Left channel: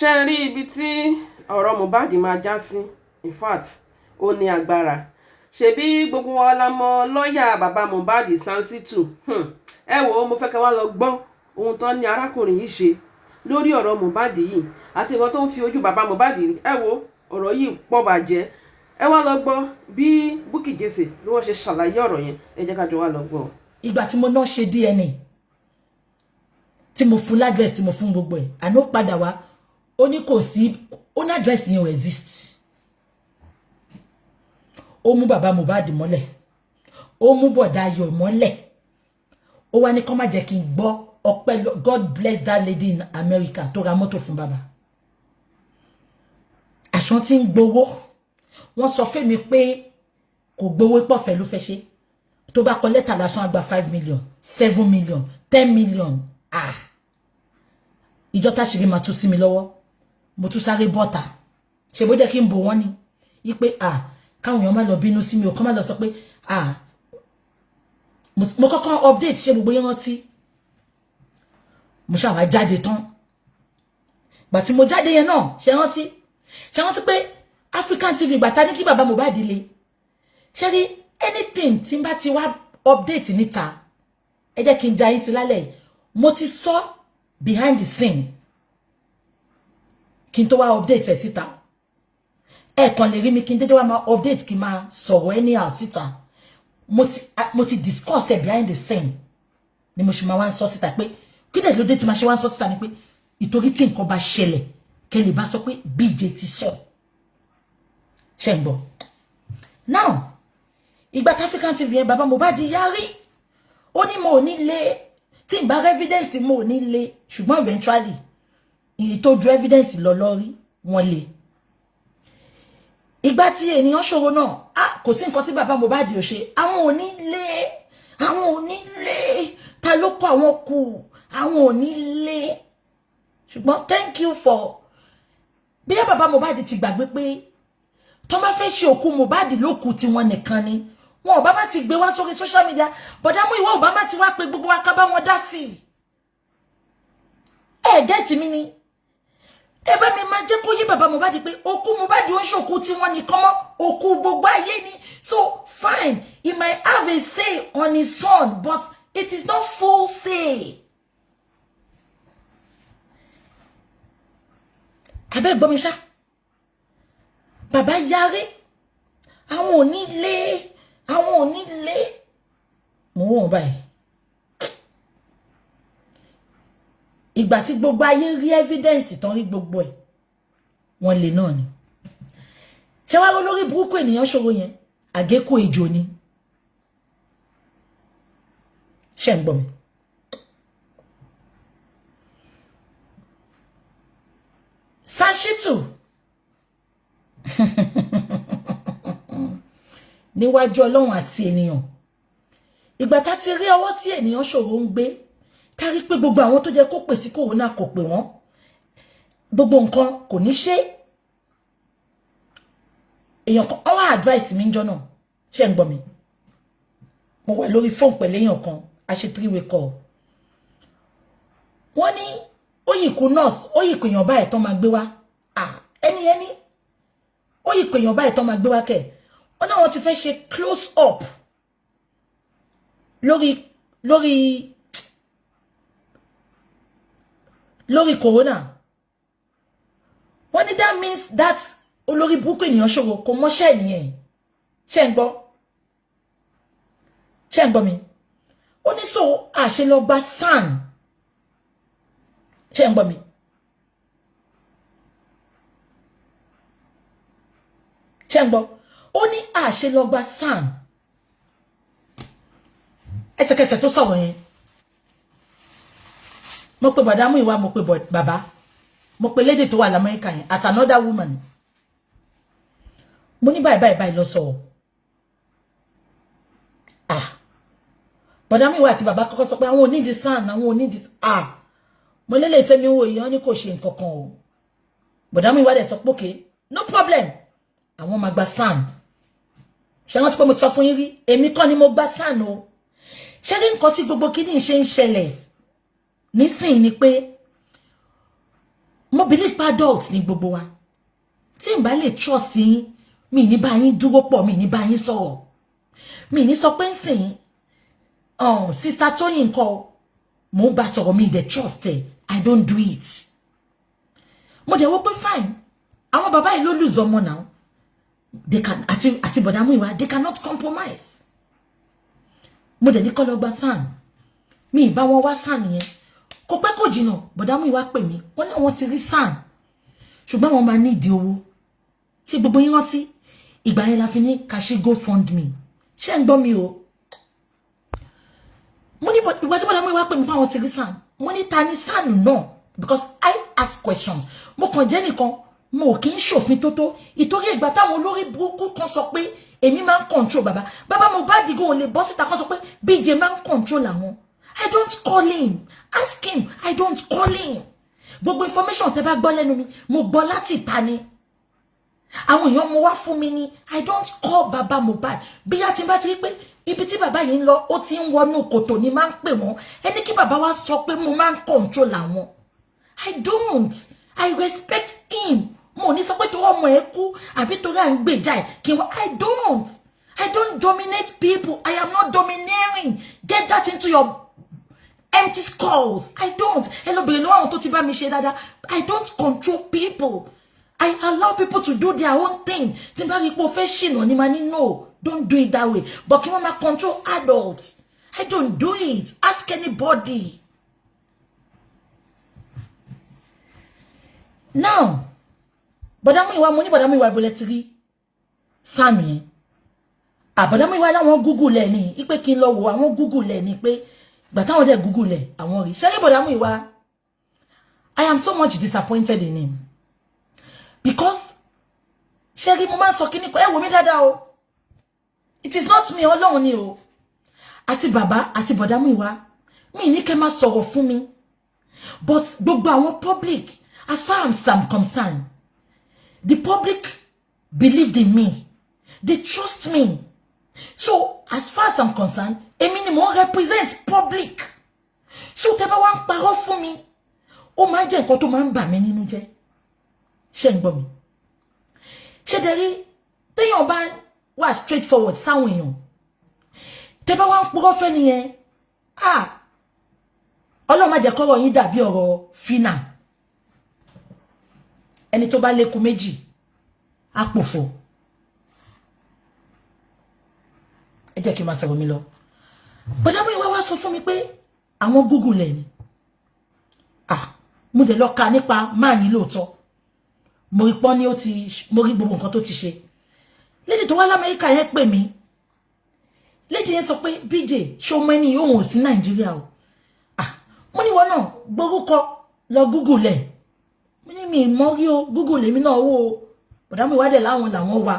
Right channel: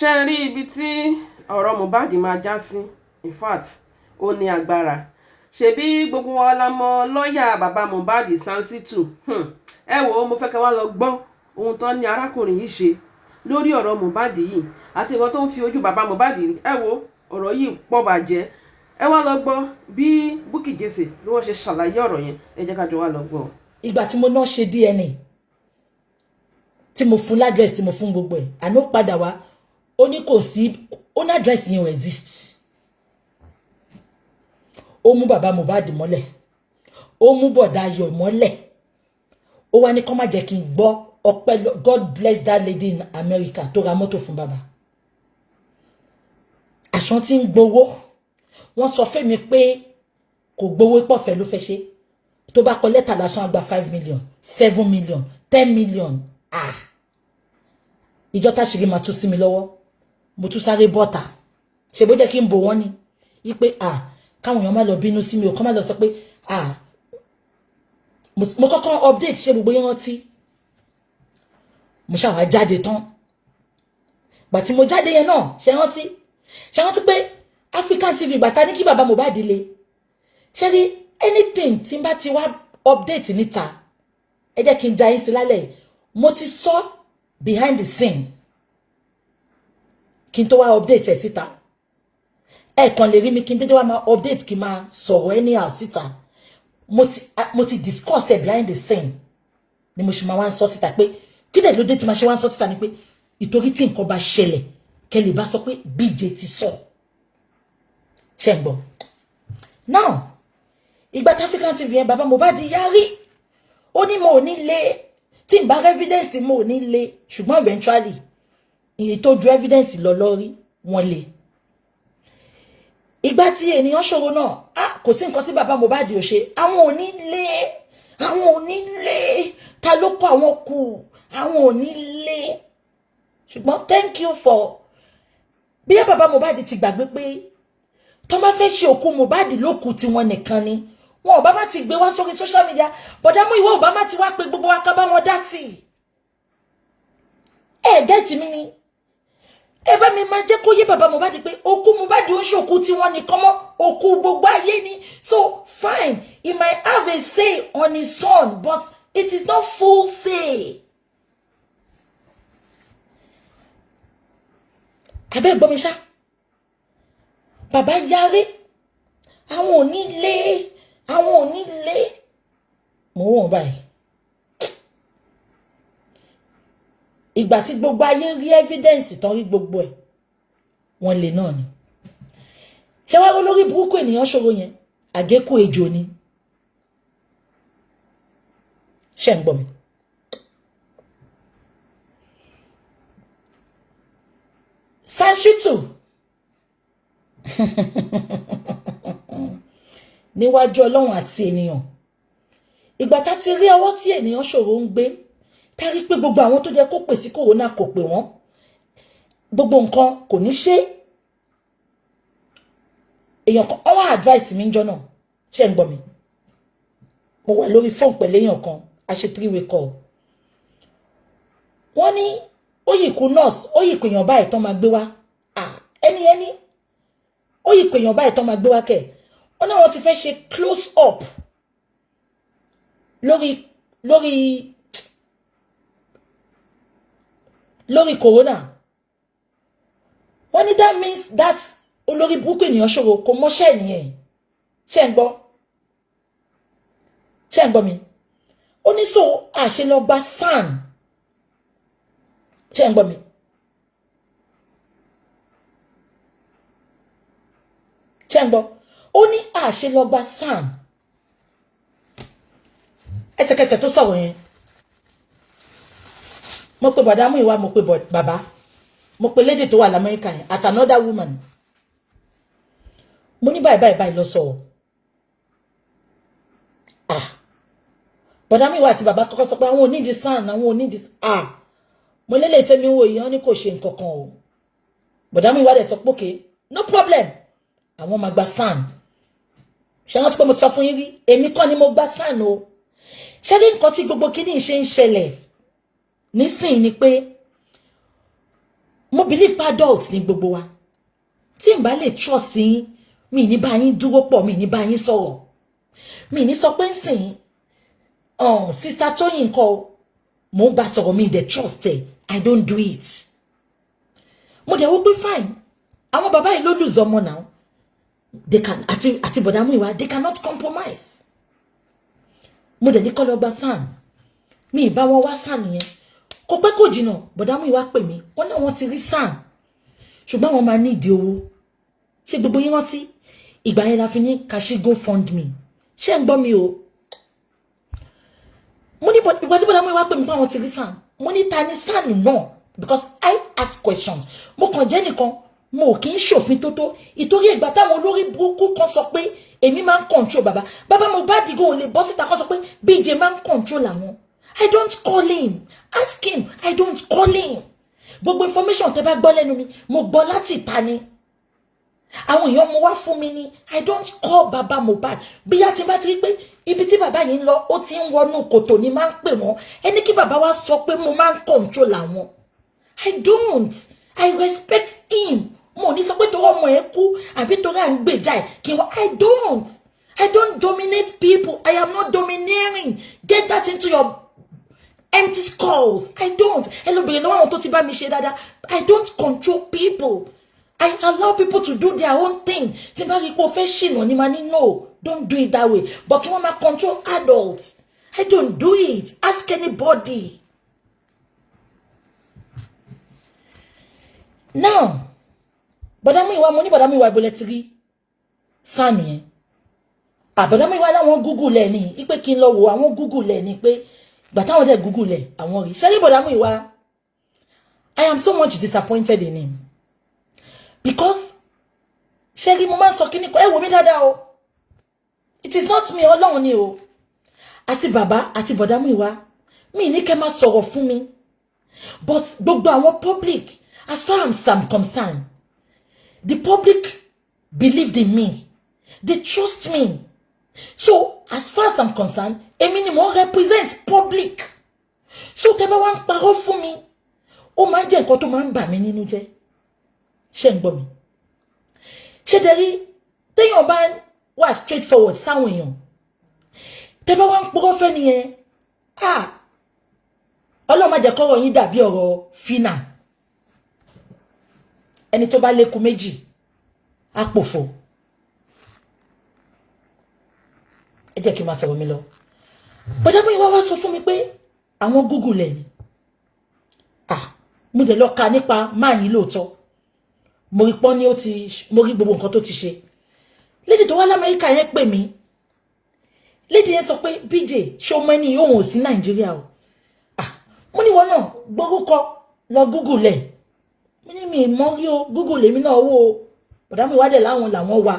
ṣe rí ibi tí ọ̀rọ̀ Mohbad máa já sí, in fact ó ní agbára. Ṣebí gbogbo wa la mọ̀ lọ́ọ̀yà bàbá Mohbad Sansitu. Ẹ wò ó, mo fẹ́ kẹ́ wá lọ gbọ́ ohun tó ní arákùnrin yìí ṣe lórí ọ̀rọ̀ Mohbad yìí àti ìwọ tó ń fi ojú bàbá Mohbad rí. Ẹ wò ọ̀rọ̀ yìí pọ̀ bàjẹ́. Ẹ wá lọ gbọ́ bí Bukky Jesse bí wọ́n ṣe ṣàlàyé ọ̀rọ̀ yẹn. Ẹ jẹ́ ká jọ wá lọ gbọ́. Ìgbà tí mo náà ṣe DNA tí mo fún ládírẹ́sì tí mo fún gbogbo ẹ̀ àná ó padà wá ó ní kò sí ó ní àdírẹ́sì yẹn ò exist. Ó mú bàbá Mohbad mọ́lẹ̀, ó mú bọ̀dá Ayọ̀ mọ́lẹ̀, ó wá ní kó má jẹ́ kí n gbọ́ ọpẹ́. God bless that lady in America tó ra mọ́tò fún bàbá. Àṣọ tí ń gbowó wọ́n sọ fún mi pé kò gbowó pọ̀fẹ́ ló fẹ́ ṣe. Tó bá kọ lẹ́tà lásán àgbà 5 million 7 million 10 million. Ìjọ táṣìírí máa tú sí mi lọ́wọ́ mo tún sáré bọ́ta ṣe bó jẹ́ kí n bò wọ́n ni wípé káwọn èèyàn má lọ bínú sí mi ò kọ́ má lọ sọ pé mo kọ́kọ́ update ṣe gbogbo yẹn rántí mo ṣàwà jáde tán gbà tí mo jáde yẹn náà ṣe rántí pé African TV gbàtà ní kí bàbá Mohbad le ṣe rí anything tí n bá ti wá update níta ẹ jẹ́ kí n ja yín sí lálẹ́ mo ti sọ behind the scene kí n tó wá update ẹ̀ síta ẹ kàn lè rí mi kí n dédé wá máa update kí n máa sọ̀rọ̀ anyhow síta mo ti discuss ẹ̀ behind the scene ni mo ṣe máa wá ń sọ síta pé kí dẹ̀ ló dé tí máa ṣe wá ń sọ síta ni pé ìtorí tí nǹkan bá ṣẹlẹ̀ kẹ́ lè bá sọ pé BJ ti sọ ṣe ń gbọ́. Now ìgbà tí African TV yẹn bàbá Mohbad yarí ó ní mo ò ní lé tí n bá evidence mo ò ní lé ṣùgbọ́n eventually èyí tó ju evidence lọ lórí wọn lè. Ìgbà tí ènìyàn ṣòro náà kò sí nǹkan tí bàbá Mohbad ò ṣe àwọn ò ní lé ta ló kọ àwọn kù àwọn ò ní lé ṣùgbọ́n thank you for bí bàbá Mohbad ti gbàgbé pé tó bá fẹ́ ṣe òkú Mohbad lókù tí wọ́n nìkan ni wọn ò bá má ti gbé wá sórí social media bọ̀dá mú ìwọ ò bá má ti wá pé gbogbo wa ká bá wọn dá sí gẹ́ẹ̀tì mi ni ebe mi máa jẹ́ kó yé bàbá Mohbad pé òkú Mohbad ó ń ṣòkú tí wọ́n nìkan mọ́ òkú gbogbo ayé ni so fine he might have a say on his son but it is not full say. Abẹ́ gbọ́ mi ṣá bàbá yarí àwọn ò ní lé mo wọ́n báyìí ìgbà tí gbogbo ayé rí evidence tán rí gbogbo ẹ̀ wọ́n lè náà ni ṣé wá rí lórí burúkú ènìyàn ṣòro yẹn àgékù ejò ni ṣé ń gbọ́ mi. Sansitu níwájú Ọlọ́run àti ènìyàn ìgbà tá ti rí ọwọ́ tí ènìyàn ṣòro ń gbé tá rí pé gbogbo àwọn tó jẹ́ kó pè sí corona kò pè wọ́n gbogbo nǹkan kò ní ṣe èèyàn kan ọwọ́ advice mi ń jọ náà ṣé ń gbọ́ mi mo wà lórí fóònù pẹ̀lú èèyàn kan a ṣe 3-way call wọ́n ní ó yìí kú nurse ó yìí pèèyàn báyìí tán máa gbé wá ẹni ó yìí pèèyàn báyìí tán máa gbé wá kẹ̀ wọ́n náà wọ́n ti fẹ́ ṣe close up lórí corona wọ́n ní that means that olórí burúkú ènìyàn ṣòro kò mọ́ṣẹ́ nìyẹn ṣé ń gbọ́ mi ó ní so àṣẹ lọ gba SAN ṣé ń gbọ́ mi ṣé ń gbọ́ ó ní àṣẹ lọ gba SAN ẹsẹ̀kẹsẹ̀ tó sọ̀rọ̀ yẹn mo pe bàdá mú ìwà mo pe bàbá mo pe lady tó wà l'Amẹ́ríkà yẹn at another woman mo ní báyìí lọ sọ bàdá mú ìwà àti bàbá kọ́kọ́ sọ pé àwọn ò ní di SAN àwọn ò ní di mo lélẹ̀ tẹ́mi wò yìí wọ́n ní kò ṣe nǹkan kan o bàdá mú ìwà dẹ̀ sọ pé okay no problem àwọn máa gba SAN ṣé wọ́n ti pé mo ti sọ fún yín rí èmi kọ́ ni mo gba SAN o ṣé rí nǹkan tí gbogbo kíní ṣe ń ṣẹlẹ̀ nísìn ni pé mo believe pa adults ní gbogbo wa tí n bá lè trust yín mi ní bá yín dúró pọ̀ mi ní bá yín sọ̀rọ̀ mi ní sọ pé nsìn sister Toyin ńkọ́ mo bá sọ̀rọ̀ mi dey trust ẹ I don't do it mo dẹ̀ wò pé fine àwọn bàbá yìí ló lose ọmọ now they can àti bọ̀dá Múyìwá they cannot compromise mo dẹ̀ ní kọ́ lọ gba SAN mi ìbá wọn wá SAN yẹn kò pẹ́ kò jìnnà bọ̀dá Múyìwá pè mí wọ́n ní àwọn ti rí SAN ṣùgbọ́n wọ́n máa ní ìdí owó ṣé gbogbo yín rántí ìgbà yẹn la fi ní kashi GoFundMe ṣé ń gbọ́ mi o mo ní ìgbà tí bọ̀dá Múyìwá pè mí pé àwọn ti rí SAN mo ní ta ni SAN náà because I ask questions mo kàn jẹ́ nìkan mo kì í ṣòfin tótó ìtorí ìgbà táwọn olórí burúkú kan sọ pé èmi máa ń control bàbá Mohbad go lè bọ́ síta kan sọ pé BJ máa ń control àwọn I don't call him ask him I don't call him gbogbo information tẹ́ bá gbọ́ lẹ́nu mi mo gbọ́ láti ìta ni àwọn èèyàn mo wá fún mi ni I don't call bàbá Mohbad bí a ti bá ti rí pé ibi tí bàbá yìí ń lọ ó ti ń wọnú kòtò ni máa ń pè wọ́n ẹni kí bàbá wa sọ pé mo máa ń control àwọn I don't I respect him mo ní sọ pé torí ọmọ ẹ kú àbí torí à ń gbèjà ẹ kí wọ́n I don't dominate people I am not domineering get that into your empty skulls I don't ẹlòbìnrin náà àwọn tó ti bá mi ṣe dáadáa I don't control people I allow people to do their own thing tí n bá rí pé o fẹ́ ṣìnà ni ma ní no don't do it that way but kí wọ́n máa control adults I don't do it ask anybody now bọ̀dá Múyìwá mo ní bọ̀dá Múyìwá ìbọlẹ̀ ti rí SAN yẹn bọ̀dá Múyìwá láwọn Google ẹ̀ ní ipé kí n lọ wo àwọn Google ẹ̀ ní pé gbà táwọn dẹ̀ Google ẹ̀ àwọn rí ṣẹ́rí bọ̀dá Múyìwá I am so much disappointed in him because ṣẹ́rí mo máa ń sọ kí ní kọ́ ẹ wò mí dáadáa o it is not me Ọlọ́run ni o àti bàbá àti bọ̀dá Múyìwá mi ní kẹ́ máa sọ̀rọ̀ fún mi but gbogbo àwọn public as far as I'm concerned the public believed in me. They trust me. So, as far as I'm concerned, èmi ni mo represent public. So, tẹ́ bá wá ń parọ́ fún mi. Ó máa jẹ́ nǹkan tó máa ń bà mí nínú jẹ́. Ṣé ń gbọ́ mi? Ṣé dẹ̀ rí téèyàn bá wà straightforward sáwọn èèyàn. Tẹ́ bá wá ń parọ́ fẹ́ nìyẹn. Ọlọ́run má jẹ́ kọ́rọ̀ yín dàbí ọ̀rọ̀ Fina. Ẹni tó bá lékun méjì àpòfò ẹ jẹ́ kí n máa sọ̀rọ̀ mi lọ bọ̀dá Múyìwá wá sọ fún mi pé àwọn Google ẹ̀ ni mo dẹ̀ lọ ka nípa máa ní lóòótọ́ mo rí pọ́n ní mo rí gbogbo nǹkan tó ti ṣe lédè tó wá l'Amẹ́ríkà yẹn pè mí lédè yẹn sọ pé BJ ṣé o mọ ẹni yóò hàn sí Nàìjíríà o mo ní wọn náà gbórúkọ lọ Google ẹ̀ mi mọ̀ rí o Google èmi náà wò ó bọ̀dá Múyìwá dẹ̀ láwọn làwọn wà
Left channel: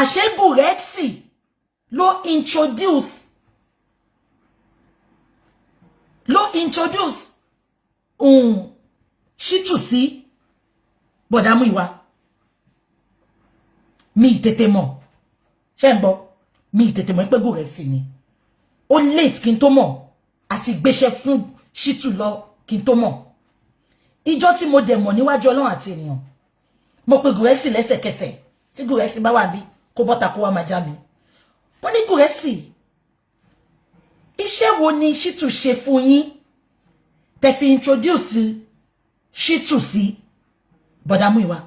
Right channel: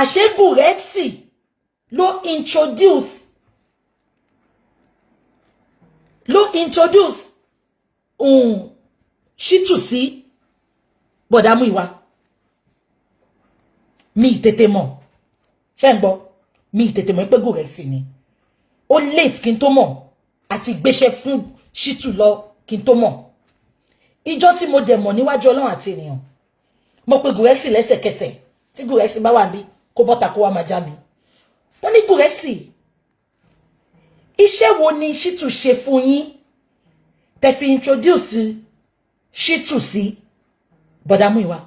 àṣé Gúrẹ́ksì ló introduce Shittu sí bọ̀dá Múyìwá mi tètè mọ̀ ṣé ń gbọ́ mi tètè mọ̀ pé Gúrẹ́ksì ni ó late kí n tó mọ̀ àti gbéṣẹ́ fún Shittu lọ kí n tó mọ̀ ìjọ tí mo dẹ̀ mọ̀ níwájú Ọlọ́run àti ènìyàn mo pe Gúrẹ́ksì lẹ́sẹ̀kẹsẹ̀ tí Gúrẹ́ksì bá wà bí kó bọ́ta kó wá máa já mi wọ́n ní Gúrẹ́ksì iṣẹ́ wo ni Shittu ṣe fún yín tẹ́ fi introduce Shittu sí bọ̀dá Múyìwá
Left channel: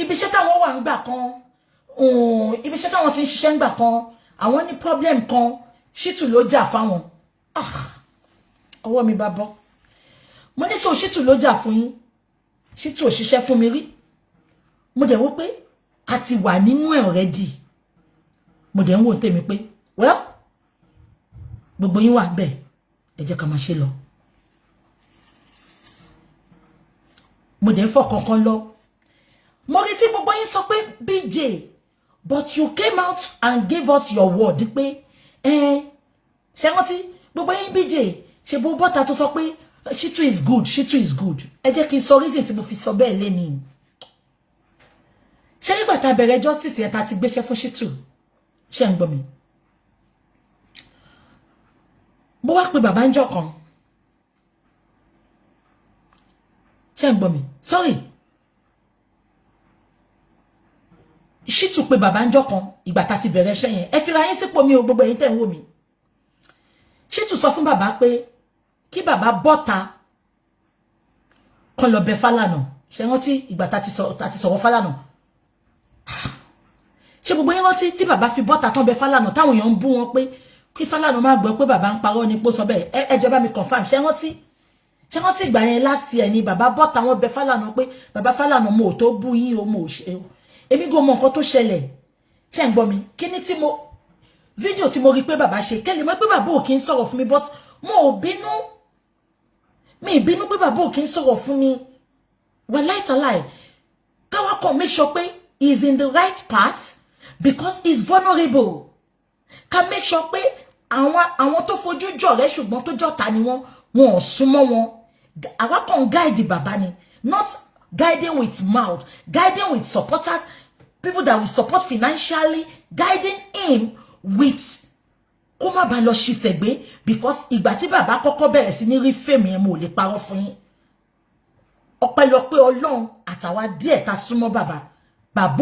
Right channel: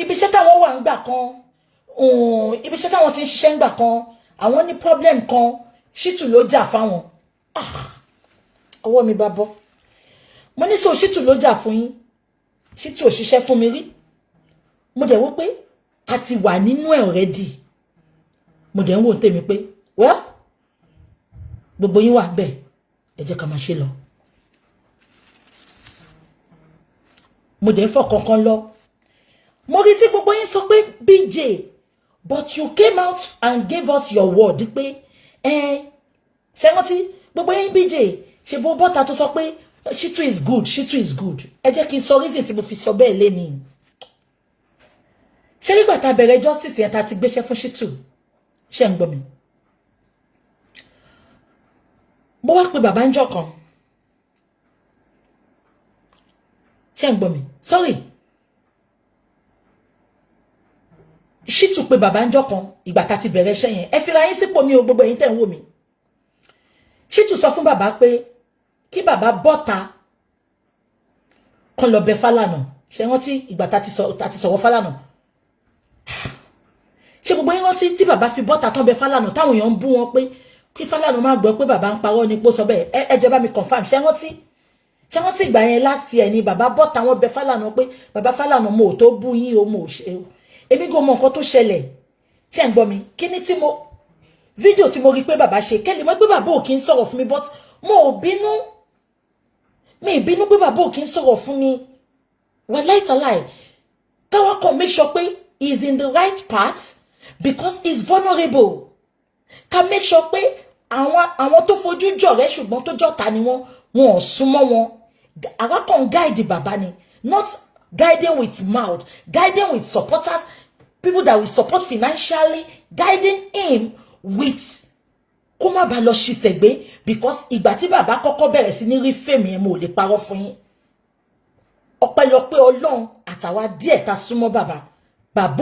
ibi iṣẹ́ táwọn wà ń gbà kan ibi iṣẹ́ táwọn ti ń ṣiṣẹ́ ń gbà kan àwọn ní problem kan Shittu ló jà fáwọn ọwọ́ mi bá bọ́ mo ní so Shittu ló jà fún yín Shittu ò ṣiṣẹ́ fún mi rí mo dẹ̀ wò pé a ti wà nínú ẹ̀ already mo dẹ̀ ń wò tèmi pé well gbogbo yín wà bẹ́ẹ̀ ẹ jẹ́ ká máa ṣe lọ mo dẹ̀ ń fọ̀ kankan lọ mo rí tí gbogbo yín sọ pé BJ but you came out and gave us your word pé ṣé wọ́n ti gbogbo yín BJ ṣe bó bọ́ta tó sọ pé Shittu is good Shittu is good ẹ jẹ́ kí n sọ reason tí mo fi sọ bẹ́ẹ̀ lẹ́ni ṣé nígbà tá bẹ̀rẹ̀ justice yẹn tá ti gbéṣẹ́ fún Shittu ṣé ń gbọ́ mi mo wá pé bàbá ń jọ kan ṣé ń gbọ́ mi sorry Shitu pé bàbá ńjọ́ kan ìgbà tá ti bẹ̀rẹ̀ iṣẹ́ yẹn ẹ fi ra yín sípò mi o gbogbo ẹ̀yin tẹ́ ń wò mí Shitu sọ fún bàbá pé kí bàbá bọ́ta kan lọ bẹ̀ Fálànà ṣé rántí ìgbà tá ti sọ̀rọ̀ Fálànà ṣé gbogbo yín rántí tí bàbá fi bọ́ta tán bẹ̀ Fálànà táwọn èèyàn ń bú wọn pé kí Fálànà má gbọ́ pé bàbá ń parọ́ ni pé ó sọ bẹ́ẹ̀ ẹ jẹ́ bá mi confirm ṣé rántí ìgbà yẹn last year ni bàbá bọ́ta wọn bẹ̀ Fálànà pé bàbá Fálànà mo ò tó bú yín o mo ò ṣe o èmi go mọ nǹkan tó ṣẹlẹ̀ ṣé ń gbọ́ mi kíní tí mo fídíò tí mo rí pé bàbá ṣe kẹ́lẹ̀ mọ́ pé bàbá ò kí ń sọ̀rọ̀ fún mi but mo ò bínú mi ìbínú pé bàbá ò kí ń sọ̀rọ̀ fún mi well lie káwá kan make sure pé he is in the right path because he is vulnerable ká make sure pé àwọn tó fojú jọ̀rẹ́ ṣùgbọ́n tó jọ̀tá ni wọ́n ò súnmọ́ wọn àwa kan guide bàbá ni not guiding with mouth, guiding with supporters, people that will support financially, guiding him with kó má bá lọ ṣìṣẹ̀gbé because ìgbà tí bàbá kọ́kọ́ bẹ̀rẹ̀ sí ní rí fèmí ẹ̀ mo lè parọ́ fún yín ọpẹ́lọpẹ́ Ọlọ́run àtàwa díẹ̀ ta súnmọ́ bàbá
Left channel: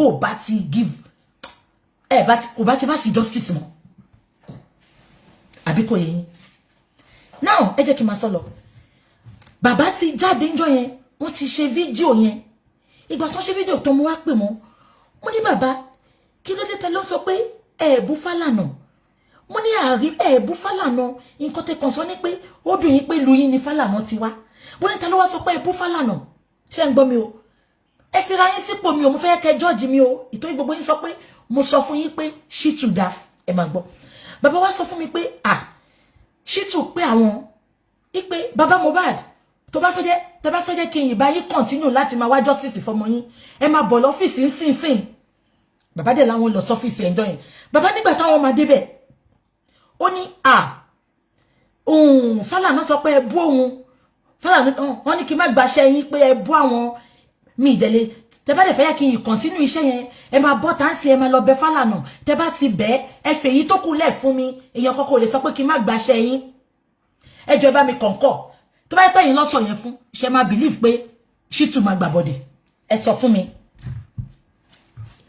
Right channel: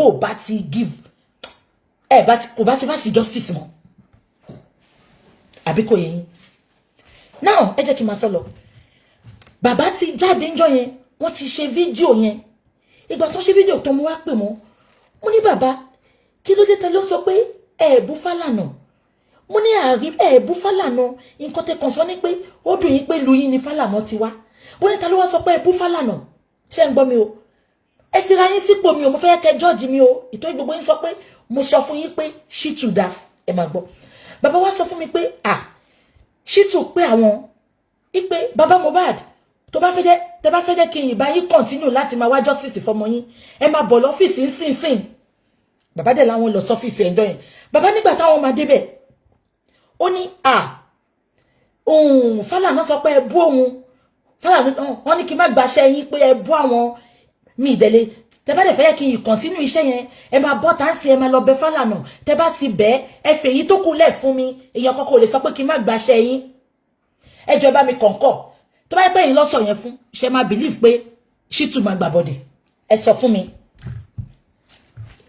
ò bá ti give kò bá ti má sí justice mọ́ àbí kò yé yín now ẹ jẹ́ kí n máa sọ lọ bàbá ti jáde ńjọ́ yẹn wọ́n ti ṣe fídíò yẹn ìgbà tó ṣe fídíò tó mú wá pè wọ́n mo ní bàbá kí ló dé tẹ́ ló sọ pé bú Fálànà mo ní bú Fálànà nǹkan tẹ́ kàn sọ ní pé ó dùn yín pé lu yín ni Fálànà ti wá mo ní ta ló wá sọ pé bú Fálànà ṣé ń gbọ́ mi o ẹ fi ra yín sípò mi o mo fẹ́ kẹ́ judge mi o ìtọ́jú gbogbo yín sọ pé mo sọ fún yín pé Shitu dá ẹ máa gbọ́ bàbá wá sọ fún mi pé Shitu pé àwọn ipe bàbá Mohbad tó bá fẹ́ jẹ́ kí n ìbá yín continue láti máa wá justice fọmọ yín ẹ máa bọ̀ lọ́fíìsì ńsìnsìn bàbá dẹ̀ láwọn lọ sọ́fíìsì ẹ̀jọ́ yẹn bàbá nígbà táwọn máa débẹ̀ ó ní Fálànà sọ pé ẹ bú òun Fálànà wọ́n ní kí n má gbaṣẹ́ yín pé ẹ bú àwọn mi ìdẹ̀lẹ̀ tẹ bá dẹ̀ fẹ́ yẹ kí n continue iṣẹ́ yẹn ẹ máa bọ́ táǹsì ẹ máa lọ bẹ̀ Fálànà tẹ bá ti bẹ̀ ẹ fèyí tó kù lẹ̀ fún mi èèyàn kọ́kọ́ lè sọ pé kí n má gbaṣẹ́ yín ẹ jọ̀ọ́ bá mi kọ̀ǹkọ̀ tó bá yẹ pé yín lọ sọ yẹn fún ṣe máa believe pé Shitu máa gbà bọ̀dẹ̀ ẹ sọ fún mi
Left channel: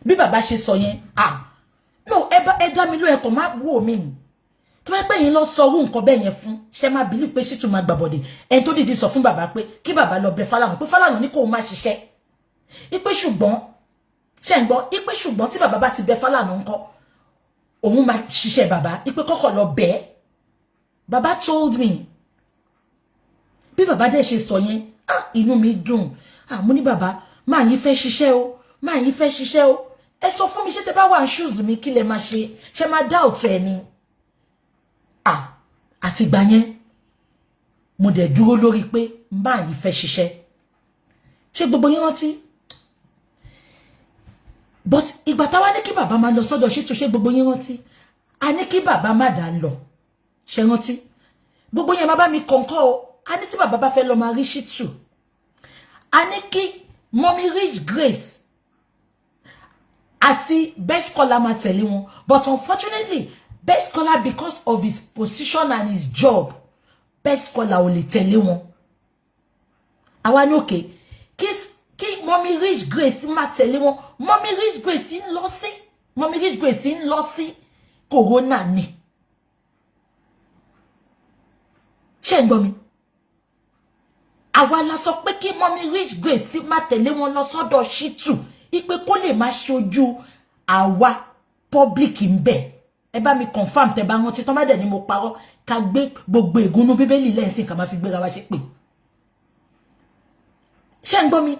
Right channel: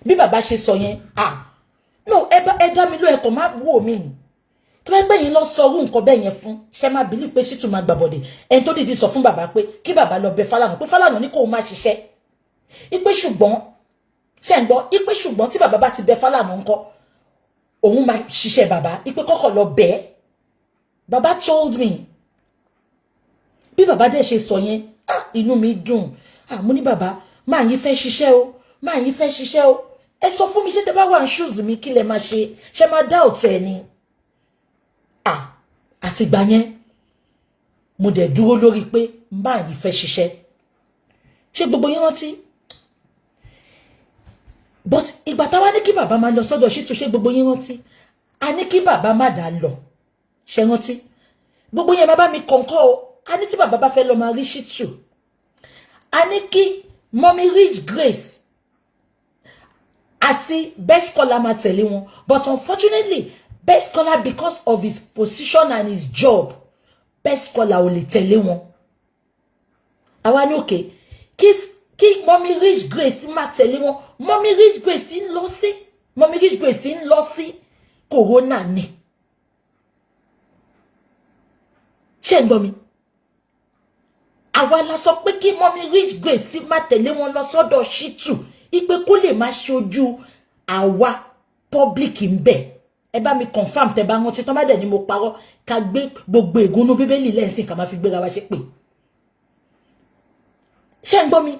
bí bàbá ṣe sọ yẹn no ẹ dá mi ló ẹ kò má wò mí tó bá yẹ pé yín lọ sọ orú nǹkan bẹ́ẹ̀ yẹn fún ṣe máa believe pé Shitu máa gbà bọ̀dẹ̀ ẹni tó dìde sọ fún bàbá pé kí bàbá lọ bẹ̀ Fálànà pé Fálànà ní kó má ṣiṣẹ́ ipe ṣùgbọ́n ṣe ń gbọ́ ipe ṣùgbọ́n tí bàbá bá ti bẹ̀ Fálànà ńkọ́ òun máa ṣiṣẹ́ bàbá ipe kọ́kọ́ lọ bẹ̀ bàbá told me bí bàbá dẹ̀ ṣe sọ yẹn inú mi dùn mo ní bàbá máa yín fẹ́ ṣiṣẹ́ o máa yín fẹ́ ṣiṣẹ́ o ẹ sọ fún mi ṣé tẹ́ bá wà ní shoes mi kí lẹ máa ṣe máa doubt ẹ ni àti ìgbà yẹn mo dẹ̀ dúró lórí pé máa yín fẹ́ ṣiṣẹ́ ṣé gbogbo yín rántí but ìgbà táwa ní kí bàbá máa lọ sọ́dọ̀ Shitu ṣé gbogbo yín rántí a ní kí bàbá má dá lọ ṣé rántí gbogbo yẹn má bá mi kọ̀ǹkọ̀ o a ní tí bàbá bá fẹ́ lọ máa rí Shitu a ní kí Mommy Rich Grace àti Best Scholar máa tẹ̀lé wọn but unfortunately Best Scholar because of his position and his job Best Scholar ò lè tẹ̀lé wọn àwa ní òkè kí Mommy Rich Grace máa tẹ̀lé wọn Mommy Rich Grace ń lọ sí corona ni ṣé ń gbọ́ mi àwa la sọ pé kí Mommy Rich Grace má tẹ̀lé wọn lọ sọ́dọ̀ Shitu ipe kó lè má ṣojú àwa public ń bẹ̀ ẹ bá mi confirm tẹ́ bá wọn tí tán bá dẹ̀ ni mo parọ́ ká gbé gbogbo ègúnú bíbélì lẹ́sìn ká má fi gbéra wa ṣe pé ṣé ń gbọ́ mi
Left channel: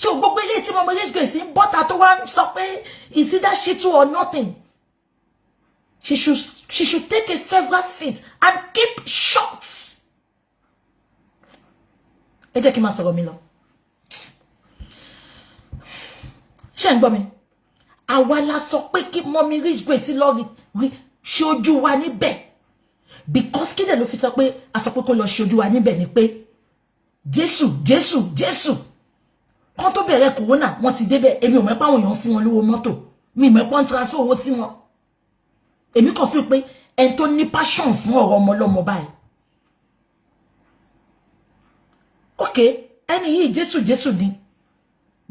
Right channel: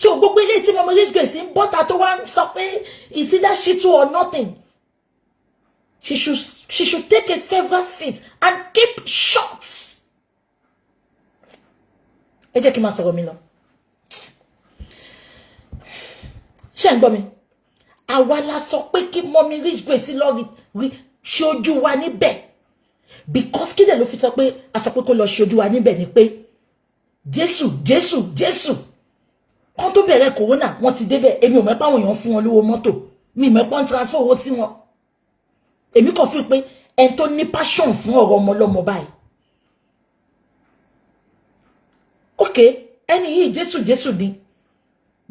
so gbogbo ilé tí Mommy Rich Grace ń bọ́ta tó wá ń sọ pé is either Shitu or nothing she should take a several seat and keep short. Ẹ jẹ́ kí n máa sọ̀rọ̀ mi lọ ṣé ń gbọ́ mi àwa la sọ pé kí Mommy Rich Grace lọ rí ṣojú wa níbẹ̀ because kí dẹ̀ ló fi sọ pé a sọ pé kó lọ ṣojú wa níbẹ̀ ni pé Jésù kan tó bẹ̀rẹ̀ corona wọ́n ti débẹ̀ èmi ò mẹ́pà àwọn èèyàn fún wọn lówó mọ́tò mi mẹ́pà ń transfer owó sí wọn èmi kàn fi pé ẹni tó ní passion fún ọ̀rọ̀ ọmọ ọlọ́mọ báyìí ok ẹni yìí Jésù ni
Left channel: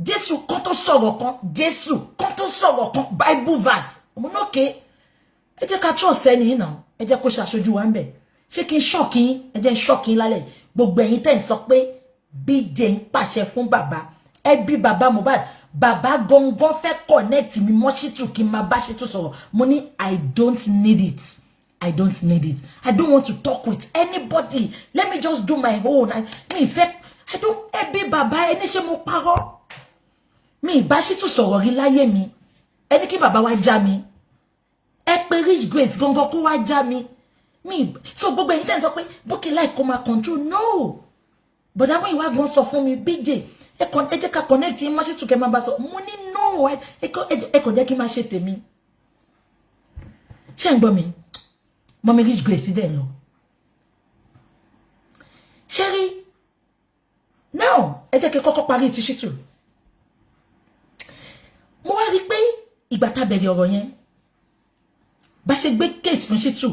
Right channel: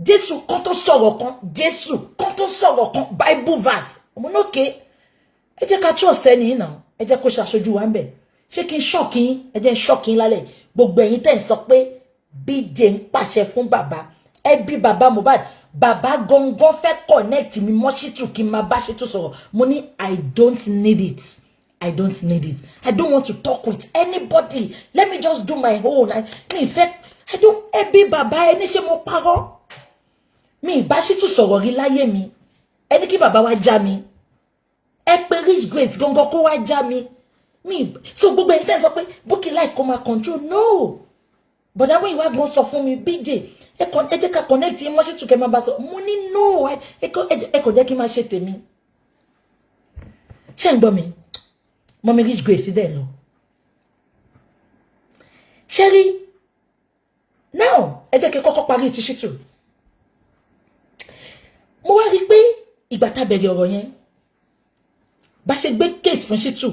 Jésù kan tó sọ̀rọ̀ kan Jésù kan tó sọ̀rọ̀ kan Bible verse mo no ke ẹ jẹ́ ká trust ẹni yìí náà ẹ jẹ́ kó ṣàṣojú wa ńbẹ̀ ṣé kí n shock yín ẹ jẹ́ n shock yín lálẹ́ gbogbo ẹ̀yin tẹ́ ń sọ pé BJ ń pàṣẹ fún bàbá ẹbí bàbá Mohbad bàbá gangan fẹ́ connect mi mọ́ Shittu kí n máa bá Shittu sọ̀rọ̀ mo ní I don't need it I don't need it I don't want to talk with anybody let me just do my own mi fẹ́ I don't ẹbí bàbá ẹni ṣe mo parọ́ mi bá Shittu sọ̀rọ̀ rí láyé mi ẹni kí bàbá wa já mi ẹ pé Rich Grace gangan kó wá já mi so gbogbo ẹ̀yin tẹ́ sọ pé Bukky like kó máa control no but àmọ́ ìwà gan sọ fún mi BJ ẹ jẹ́ ká connect yín mọ́ Shittu kẹ́ máa bá sọ mo ní no ẹ kò jẹ́ kí n máa ṣe tèmi ṣé ń gbọ́ mi mọ́mí Rich Grace dẹ̀ lọ ṣé rí now ẹ jẹ́ kí kọ́kọ́ parí ti Shittu mo wá rí pé ìgbà tá bẹ̀rẹ̀ ọ̀rọ̀ yẹn bá ṣe gbé case fún Shittu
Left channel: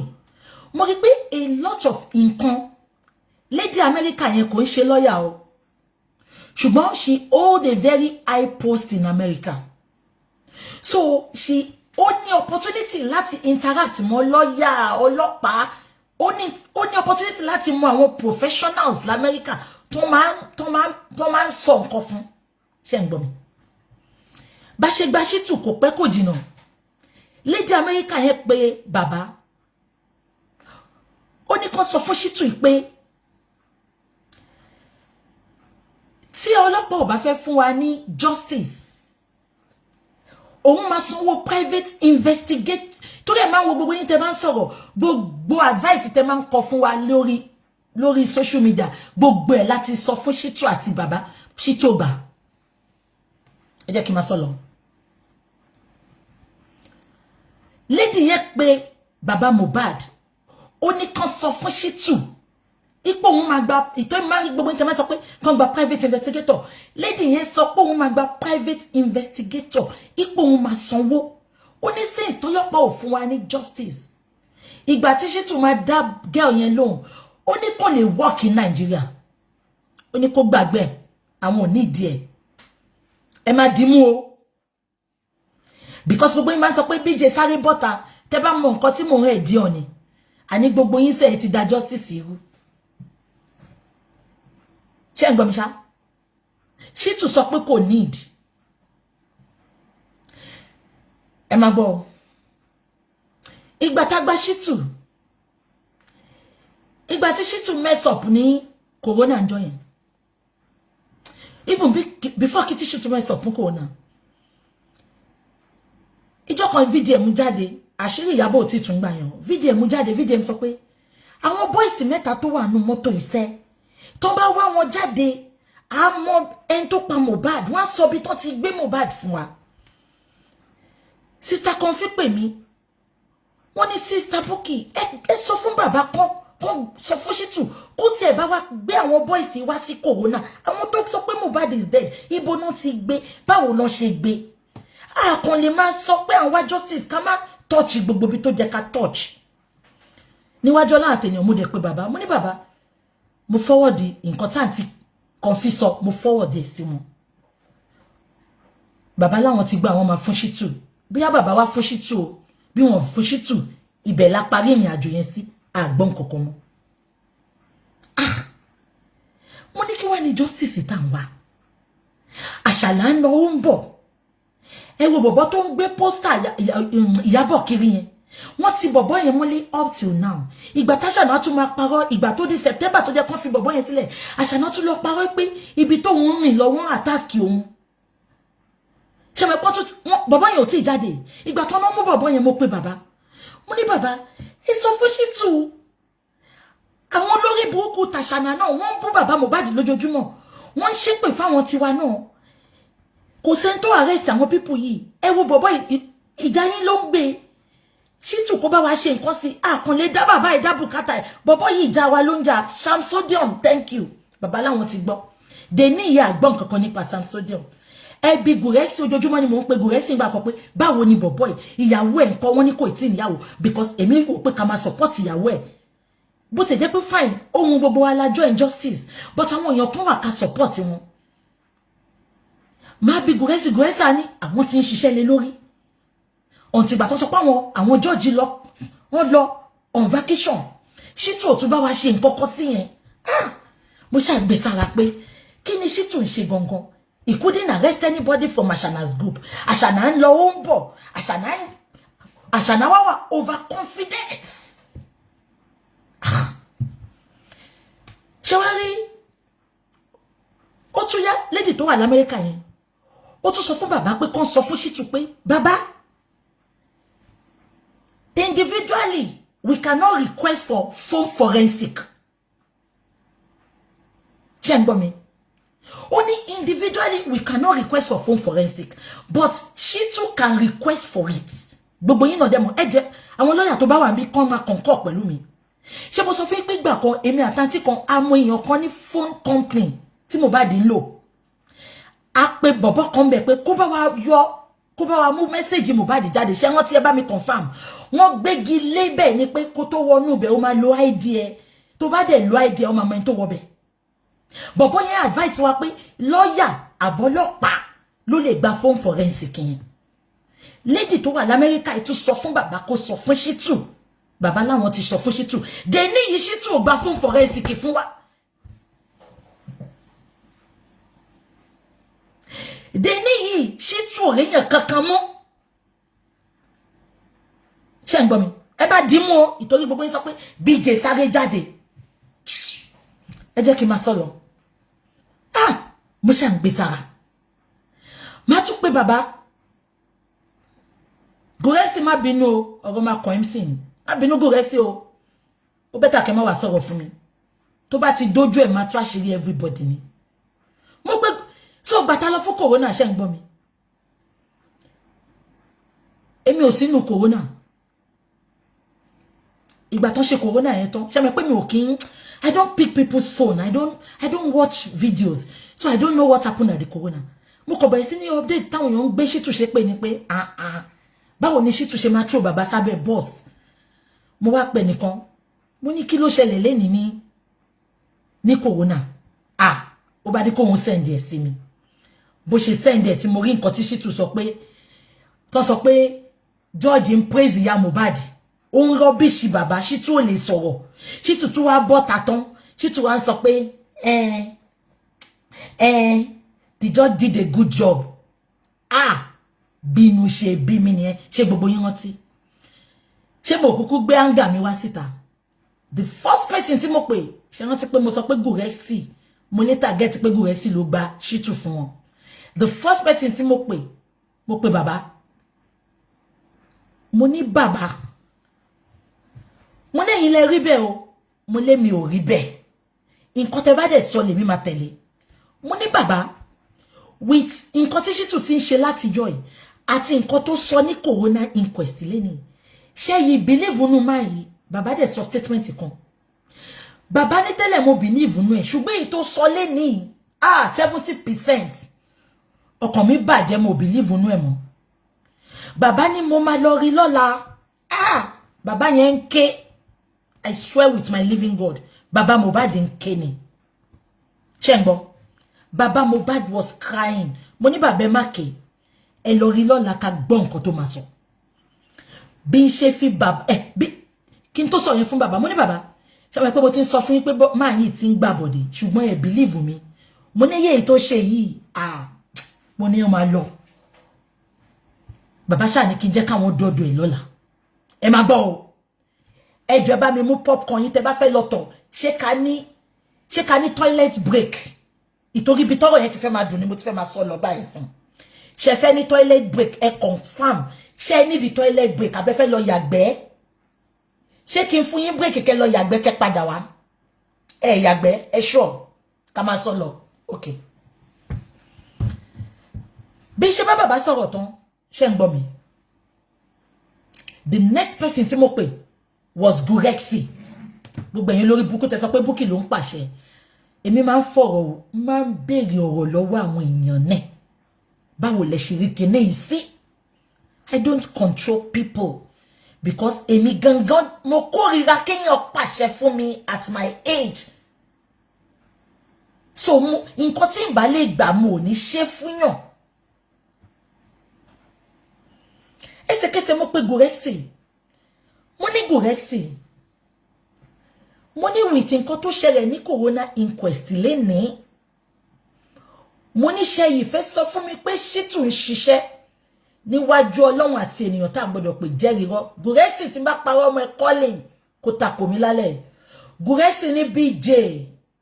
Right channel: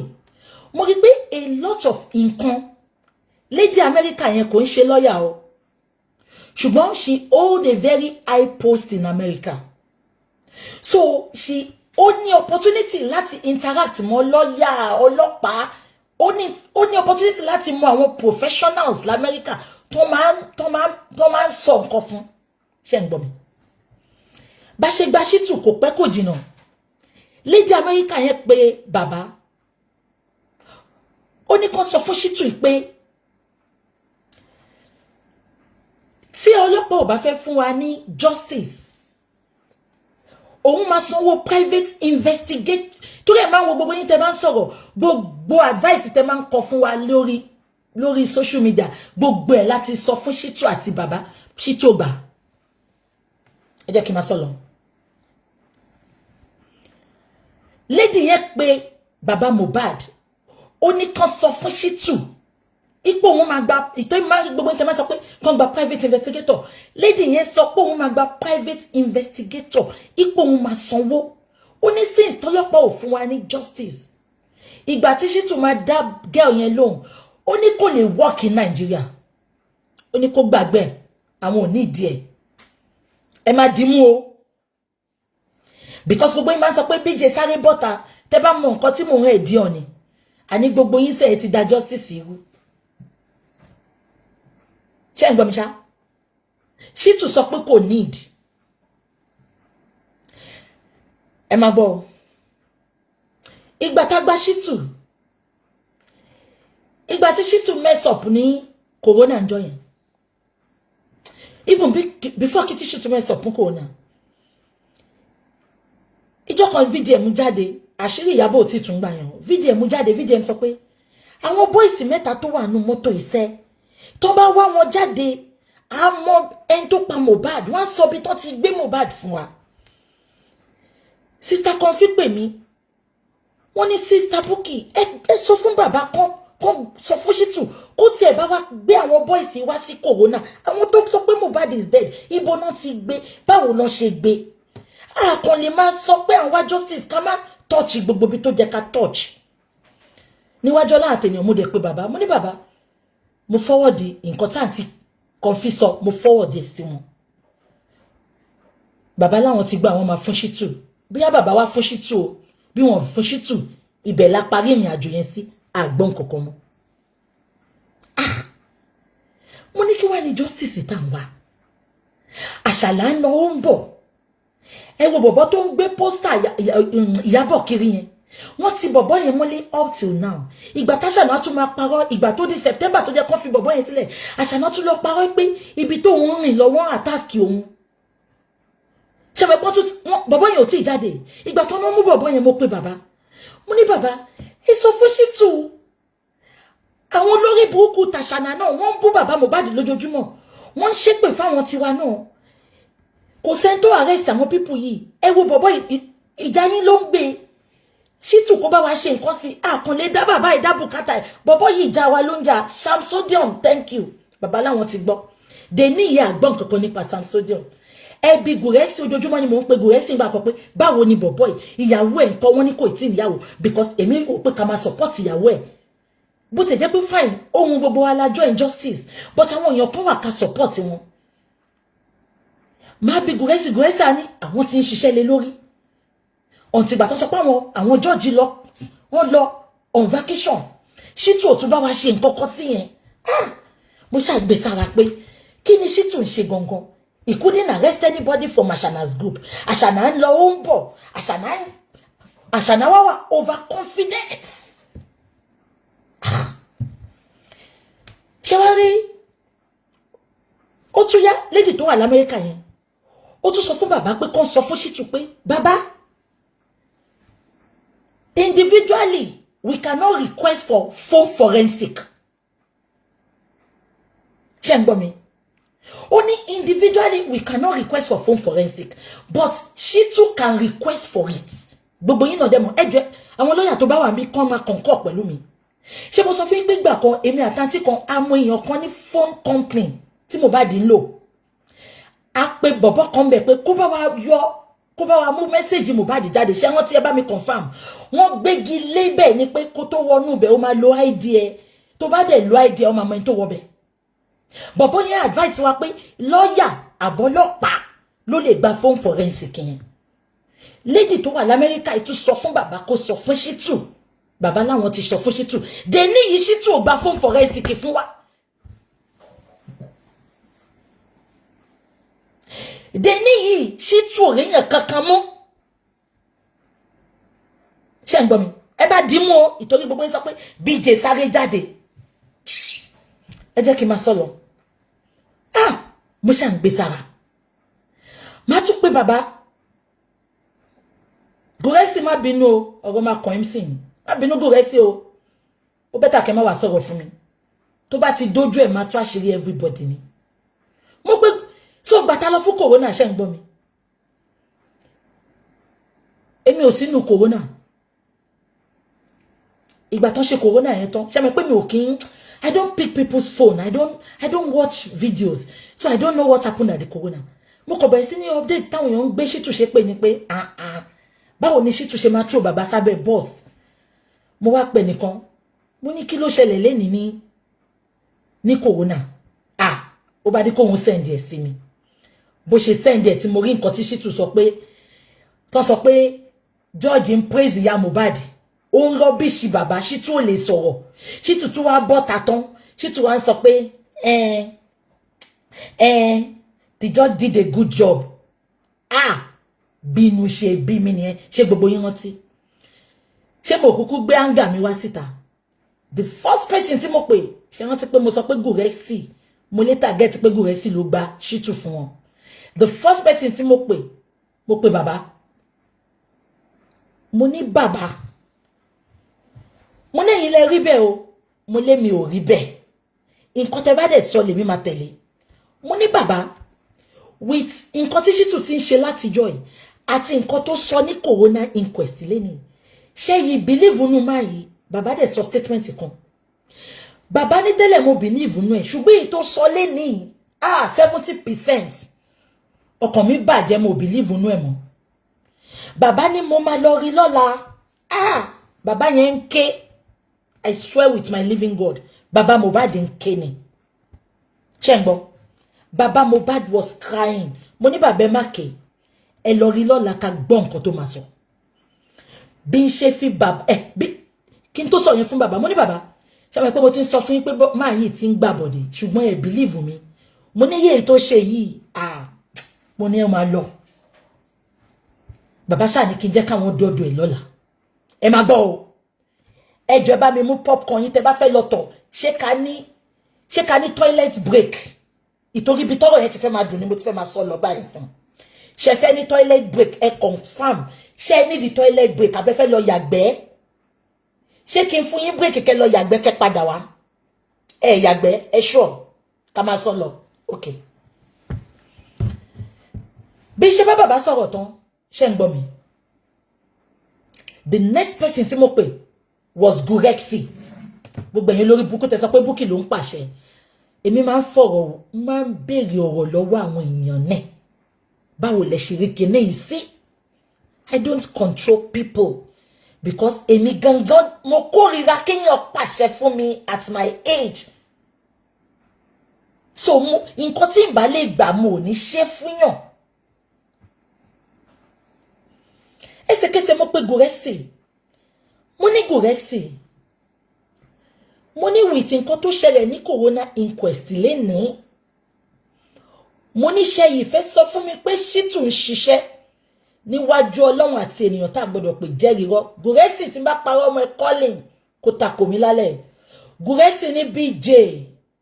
mo rí pé a lot of nǹkan Lady America yẹn kò ń ṣe lawyer o ṣùgbọ́n she hold a very high post in America so she ó ní opportunity láti interact mọ́ lawyer ọlọ́pàá ó ní opportunity láti mọ àwọn professionals l'America tó máa ń sọ nǹkan fún ṣé ń gbọ́ mi bá ṣe gba Shittu kò pẹ́ kò jìnnà Lady America yẹn pé bàbá ó ní kó sọ fún Shittu pé tí ọlọ́pàá ò bá fẹ́ fún wa ní justice òun máa sanwó private investigate torí ẹ̀ máa ń wo gbogbo yín tẹ́ bá ń sọ̀rọ̀ gbogbo advice tẹ́ máa ń kọ fún wa lórí social media gbogbo ẹ̀ láti sọ fún Shittu àti bàbá Shittu gbà ẹ jẹ́ kí n máa sọ lọ lady yẹn pé bàbá Mohbad ó ní kàn sọ fún Shittu ipò òun máa gba ìtọ́ máa rí gbogbo nǹkan máa sọ pé kàn gba private investigator lady yẹn sọ pé òun máa gba private investigator ipò òun máa sanwó ó ní since tọ́lọ́pàá ò fún wa ní justice ìgbà tí Shittu máa dá girl yẹn lóhùn ó ní kò lè work in Nigeria ó ní kó gbàgbé àwọn ò ní ìdí ẹ máa dìímú o because gbogbo yín máa sọ pé BJ sáré bọ́ta tẹ́ bá mọ nǹkan tí mò ń rẹ̀ dí ọ̀nì àní gbogbo yín sẹ́ẹ̀ ti da justice irú ṣé ń gbọ́ mi ṣá Shittu sọ pé kò need ẹ máa gbọ́ ìgbà tá gba Shittu ìgbà tí Shittu mess up ní corona ńjọ́ yẹn even before kí tí Shittu mess up ní corona ìjọ́ kan VDM jáde àṣírí Ìyábọ̀ tí tún gbà yẹn VDM jáde VDM sọ pé àwọn boys mẹ́ta tó wà nínú mọ́tò iṣẹ́ tó bá wá wọn jáde a mọ ẹni tó pa Mohbad wọ́n sọ bí tó ti gbé Mohbad fún wa sister kan fi pè mí wọ́n ní sister Bukky ẹ sọ fún bàbá kan sọ fún Shittu kó tiẹ̀ bá wá gbé àwọn boys wá sí corona àwọn tó sọ pé Mohbad is dead ibo náà ti gbé báwo náà ṣe gbé àkàn lè máa sọ pé àwọn justice ká má touch gbogbo bí tó jẹ́ ká touch níwájú Ọlọ́run àtẹ̀yàn mo dẹ̀ pé bàbá mo ní bàbá mo forward nǹkan tá àǹtí kan fi sọ mo forward ẹ̀ sí wọn bàbá láwọn ti gba àwọn máa fún Shittu bóyá bàbá wá fún Shittu o bí wọn fún Shittu ibẹ̀ la parí ìrìn àjò yẹn sí àgbọn kankan mọ́ mo ní kí wá ní justice tá ń wá àṣàlà ń lọ ó ń bọ̀ ẹ wo bọ̀bọ̀ tó ń gbé pósítà Ìyábọ̀ kiri yẹn wọ́n ti bọ̀bọ̀ yẹn mọ́lé up till now ìgbà táṣàná tún máa parọ́ ìgbà tó di September tó jẹ́ kán fi bọ̀bọ̀ yẹn sílẹ̀ àṣàná tún lọ parọ́ pé ibi tó ń rìn lọ wọ́n àtàkì òun ṣẹ̀mẹ̀pọ́n tó bọ̀bọ̀ yẹn ò tí ì jáde ìgbà tó ń mú bọ̀bọ̀ yẹn mo pe bàbá mo ní bàbá ẹ sọ fún Shittu àwọn olórí burúkú tàṣàná náà wọ́n ń bú bàbá Mohbad lójoojúmọ́ wọ́n ń ṣépè fáwọn tiwa náà kò sẹ́ni tó arrest àwọn pípù yìí ẹ wo bọ̀bọ̀ ìjà yín ló ń gbé Shittu kó bá wa ṣe nǹkan sí àkànlé dá bàbá ìdá bùkátà ẹ̀ bọ̀bọ̀ yìí ìjà wa ló ń jà Samsodium thank you bàbá láwọn ti gbọ́ dèní ìyá àgbọ̀n kankan nípa Samsodium ẹbí Gùrẹ́sì ojoojúmọ́ ni mò ń pe Gùrẹ́sì ìgbà kan pé báwo ni bọ̀bọ̀ yìí ìyàwó ẹ̀ nǹkan wọn ní kò tí ì níyàwó because èmi rò pé ká máa support ìyàwó ẹ̀ bó ti jẹ́ pé fine ohun gbogbo wa la join justice but àwọn èèyàn kan wà ká support wọn má bí gùrẹ́sì ní àwọn tí ń ṣiṣẹ́ lé lórí ọ̀ntì ìgbà tó sọ pé àwọn jọ́ọ̀jì wọ́n lọ on vacation Shittu ò tún bá wa ṣe nǹkan kan sí yẹn mo ṣàgbé sára pé kí ni Shittu ń ṣe gangan he couldn't arrest anybody from Ashana's group Ashana ń lọ ó ń bọ̀ Ashana wà overconfident ṣé wá rí ó tún yá lady tó wà l'Amẹ́ríkà yẹn ó tún sọ fún bàbá pé kàn sọ fún Shittu pé bàbá individually we cannot request for phone forensic ṣé ń gbọ́ mi ó ní individually we cannot request for phone forensic but Shittu can request for it gbogbo yín náà demo ẹjọ́ àwọn lọ́yà tó bá wà níbí kàn máa concur pẹ̀lú mi ṣé mo sọ fún yín pé ìgbà kan èmi àtàntí kan àmọ́ èèyàn kan ní phone company tí mo bá dín lò a pè bọ̀bọ̀ kan bẹ̀ pé kó bá wa mú mẹ́sẹ̀jì Mohbad jáde ṣé wọ́n ti ẹ bá mi confirm wọ́n gbégi lébẹ̀ ni pé kó tó wọnú bẹ̀ ó máa lo ID ẹ tó bá dẹ̀ lo ID ẹ ó máa mọ ẹni tó wọ bẹ̀ bọ̀bọ̀ yẹn advice wa pé lọ́yà àbọ́lọ́pàá ló lè gba phone forensic yẹn lady tó wà l'Amẹ́ríkà ètò sọ fún bàbá kó sọ fún Shittu bàbá láwọn ti sọ fún Shittu dé ní yìí Shittu ò gba phone forensic fún wa dé ní yìí Shittu ò réyàn kankan mọ́ ṣé ń gbọ́ mi ẹ bá dì mú o ìtorí gbogbo yín sọ pé BJ sáré jáde ẹ jẹ́ kí n máa sọ̀rọ̀ mo ṣà ń gbé sára má tún pé bàbá Gúrẹ́sì má bínú o ọ̀rọ̀ máa kàn MC ni má bínú Gúrẹ́sì o ó bẹ́tà kẹ́ má wá sọ̀rọ̀ fún mi tó bá ti dójú ẹ̀ má tú àṣírí everybody ni mo pé so gbàtà lọ fún corona ṣé ń gbọ́ mi èmi ò sínú corona ìgbà tán ṣe corona yẹn tán ṣé mi pé mi ò kí ń I don't pick people's phone I don't watch videos so I don't know what happened at the corona mo kò bẹ̀rẹ̀ sí ní update táwọn èèyàn ń gbé Shittu ṣe pé ni pé báwo ni Shittu ṣe máa throw bàbá sábẹ́ boss mo wá pè nìkan mo ní kí ló ṣẹlẹ̀ lẹ́ni ní corona ó bá dé kó wọn send ẹ̀ sí mi bó ṣe send ẹ̀ tí mo rí nǹkan tí Shittu sọ pé George ń praise ìyá Mohbad ó ń rọ́bìṣì bàbá Shittu ò lè sọ̀rọ̀ Shittu tún wá bọ́ta tán Shittu wá ń sọ pé the judge did a good job bínú ṣe bí mi nìyẹn ṣé gbogbo yín rántí ṣé mo kúkú gbé anga mi wá síta the first person tí mo pè ṣé rántí pé mo sọ pé Gúrẹ́sì mo later get pé Gúrẹ́sì ló gba Shittu fún wọn the first person tí mo pè bàbá mo ní bàbá mo lẹ́yìn lẹ rí bẹ́ẹ̀ o mo lé mi ò rí bẹ́ẹ̀ nǹkan tẹ́ bá dẹ̀ sọ lèmi máa tẹ̀lé mo ní bàbá with nǹkan tí Shittu ti ń ṣe látijọ́ yìí àti nǹkan tó sọ ní corona inquest lẹ́ni ṣé yìí believe nínú máa yìí bàbá dẹ̀ sọ statement kan bàbá ní tẹ́lẹ̀ mo believe nínú ẹ̀ ṣùgbọ́n èyí tó sọ lẹ́ni 70% ọkàn mi bàjẹ́ mo believe nínú ẹ̀ mọ́ bàbá ní mo máa lọ rí lọ́la bàbá yẹn ń ké I swear with my living God bàbá Mohbad ń ké ni ṣé ń gbọ́ bàbá Mohbad was crying mo ní bàbá má ké ẹ lọ rí lọ́la ká gbọ́ nǹkan tó máa sọ bí n ṣe fi bàbá bí kí n tó sọ yẹn fún bàbá mo ní bàbá ṣé mo pé mo ti ń sọ fún yín pé máa yìí ti ń gbà bọ̀dẹ̀ ṣùgbọ́n ẹ believe mi mo ní yéé tó ṣe yìí mo ní ẹ máa lọ bàbá ṣáà ní kí n jẹ́ káwọn dọ́dọ̀ ẹ̀ lọ́la ẹ máa gbọ́ o ẹ jọ̀ọ́ bá mi mú popcorn yín tẹ́ bá fẹ́ lọ tọ̀ ṣé ká ní toilet break ìtorí ibi tọ́rọ̀ yẹn ti fẹ́ máa dùn ni mo ti fẹ́ máa sọ lọ báyìí fún ṣé fẹ́ ní toilet break ẹ confirm ṣé ní di toilet break abẹ́ fẹ́ lọ yàgbẹ́ ṣé kí n fún yín break kẹ́ lọ yàgbẹ́ kẹ́ padà wá ẹ yàgbẹ́ ẹ sure ká máa sọ lọ okay bí ṣe bá bàbá sọ̀rọ̀ tán ṣé ń gbọ́ mi the next person tí mo pè was Gúrẹ́sì gbogbo ẹ̀yin lórí Bukky tẹ́ sọ pé Bukky ló ń pàṣẹ èmi máa ń fọ̀rọ̀ máa ń béèrè ọ̀rọ̀ lọ́wọ́ àwọn èèyàn náà báwo lẹ ṣe rí kíní yìí sí I don't control people because èmi gangan mo kórìíra kéèyàn pàṣẹ fún mi at my age. So nǹkan tí n bá lè gbà mo ní ṣe fún yàn. Ẹsẹ̀kẹsẹ̀ mo pe Gurexy. Mo ní Gurexy. Mo ní with nǹkan tó ṣẹlẹ̀ ní corona inquest lénìí. Mo ní ṣé yìí fẹ́ sọ fún mi pé Shittu ń ṣiṣẹ́ níwájú Ọlọ́run àti ènìyàn tá gbọ́dọ̀ pé jẹ́rìí rọ́. Gurexy tí n bá parọ́ ọmọ ẹ calling kó tako mi lálẹ́. Gurexy ní BJ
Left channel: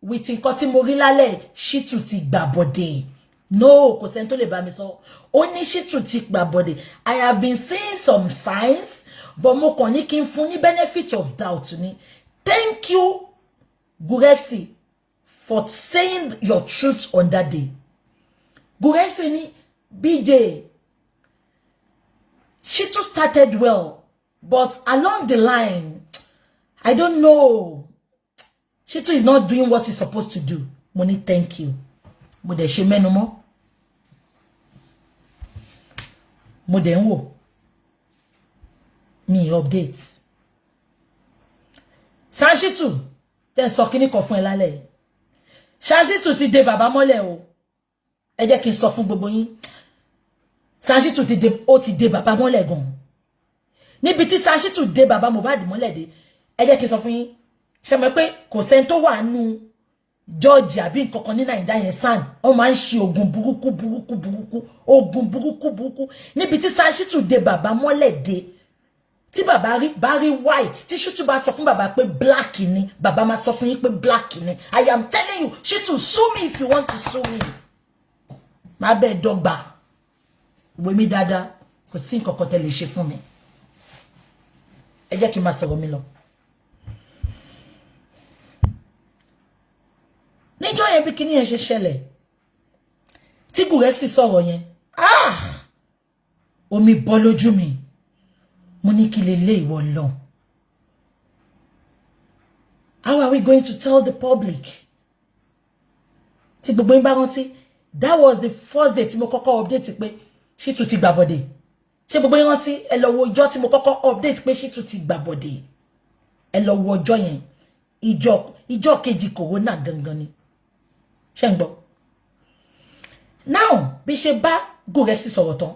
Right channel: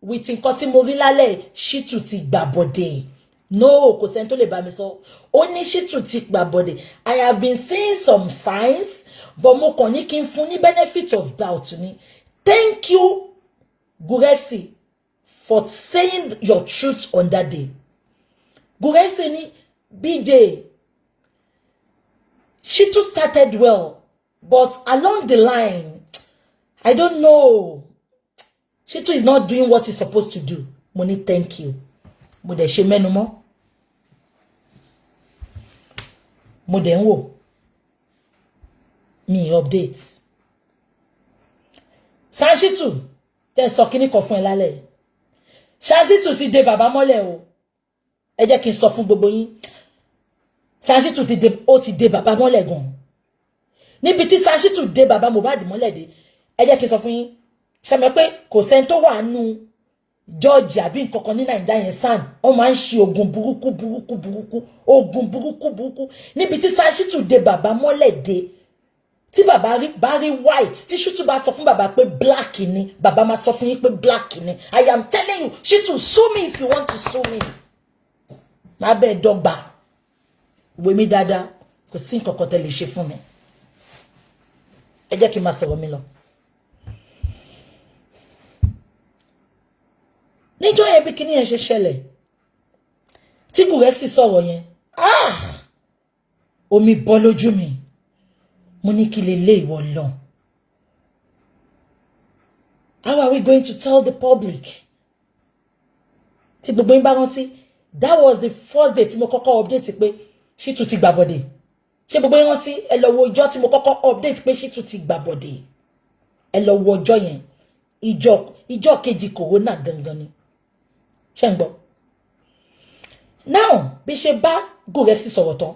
with nǹkan tí mo rí lálẹ́ Shittu ti gbà bọ̀dẹ̀. No, kò sẹ́ni tó lè bá mi sọ. Ó ní Shittu ti gbà bọ̀dẹ̀. I have been seeing some signs, but mo kàn ní kí n fún ní benefit of doubt ni. Thank you, Gurexy, for saying your truth on that day. Gurexy ni BJ. Shittu started well, but along the line, I don't know. Shittu is not doing what he's supposed to do. Money, thank you. Mo de ṣe mẹ́nu mọ́. Mo de ń wò. Mi update. Shittu, tẹ́ sọ kíní kan fún ẹ lálẹ́. Shittu ti dè bàbá mọ́lẹ̀ o. Ẹ jẹ́ kí n sọ fún gbogbo yín. Shittu ti dè bàbá mọ́lẹ̀ gan. Níbi tí Shittu dè bàbá Mohbad mọ́lẹ̀ dé. Ẹ jẹ́ kí n sọ fún yín. Ṣé mọ̀ pé kò sẹ́ni tó wà nínú George àbí nǹkan kan ní Naija yẹn san. Wọ́n máa ń ṣe ogun burúkú. Ogun burúkú. Níbi tí Shittu dè bàbá mọ́lẹ̀ dé. Tí bàbá rí white, tí Shittu bá sọ fún bàbá pé black ni, bàbá máa sọ fún yín pé black ni. I am telling you, Shittu, sue me if you want to sue me. Má bẹ́ẹ̀ dọ́gba. Ìwé mi dáadáa, kò sí nǹkan kan tẹ́ lè ṣe fún mi. Ẹ jẹ́ kí n máa sọ̀rọ̀ mi lọ. Níjọ́ yẹn bí kíní yẹn ṣe ṣẹlẹ̀. Tí Gurexy sọ̀rọ̀ yẹn. Omi bọ́ lójú mi. Mo ní kí lè lé ìwọ lọ. How are we going to tell the public? Tí gbogbo yín bá rántí, that was the first day tí mo kọ́kọ́ update pé Shittu ti gbà bọ̀dẹ̀. Ṣé gbogbo yín rántí? Ẹ lọ wo ọjọ́ tí mo kọ́kọ́ update pé Shittu ti gbà bọ̀dẹ̀. Ẹ lọ wo ọjọ́ yẹn. Ìjọ́ kejì corona gangan ni. Ṣé ń gbọ́? Now, bí ṣe bá Gurexy sọ̀rọ̀ tán.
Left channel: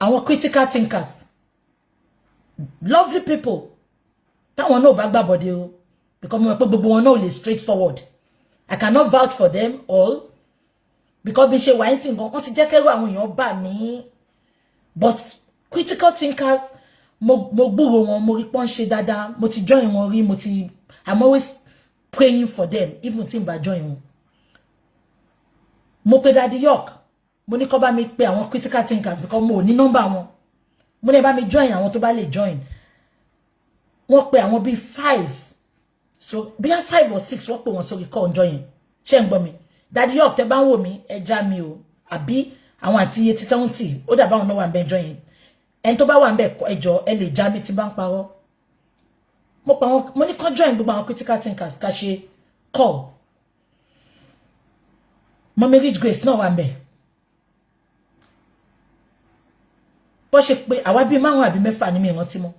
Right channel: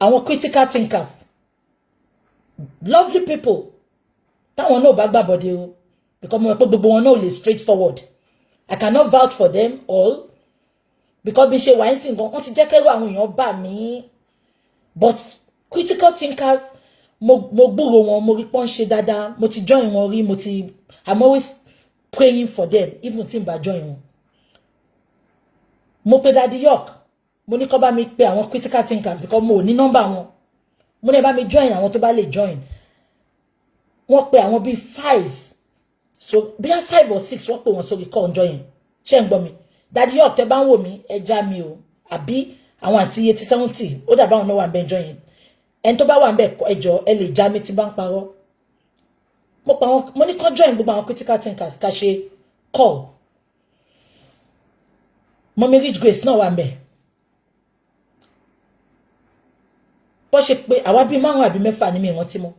Àwọn critical thinkers, lovely people, táwọn náà bá gbà bọ̀dẹ̀ o, because mo mọ̀ pé gbogbo wọn náà lè straightforward. I cannot vouch for them all, because bí ṣe wà ń sìn gan, wọ́n ti jẹ́ kẹ́rù àwọn èèyàn bà mí. But critical thinkers, mo gbúrò wọn, mo rí pọ́n ṣe dáadáa, mo ti join wọn rí, I'm always praying for them, even tí n bá join wọn. Mo pe Daddy York. Mo ní kó bá mi pe àwọn critical thinkers because mo ní number wọn. Mo ní bá mi join àwọn tó bá lè join. Wọ́n pe àwọn bí 5. So bí 5 or 6 wọ́n pe wọn sórí call join. Ṣé ń gbọ́ mi? Daddy York tẹ́ bá ń wò mí, ẹ já mi o. Àbí àwọn àti 80 70 ó dà bá wọn náà wà ńbẹ̀ join. En tó bá wà ńbẹ̀ ẹ jọ̀ọ́ ẹ lè já mi tí bá ń parọ́. Mo ní kó join gbogbo àwọn critical thinkers ká ṣe call. Mommy Rich Grace náà wà ńbẹ̀. Bó ṣe pé àwa bí 5 àbí 6 ni mi rántí mọ́.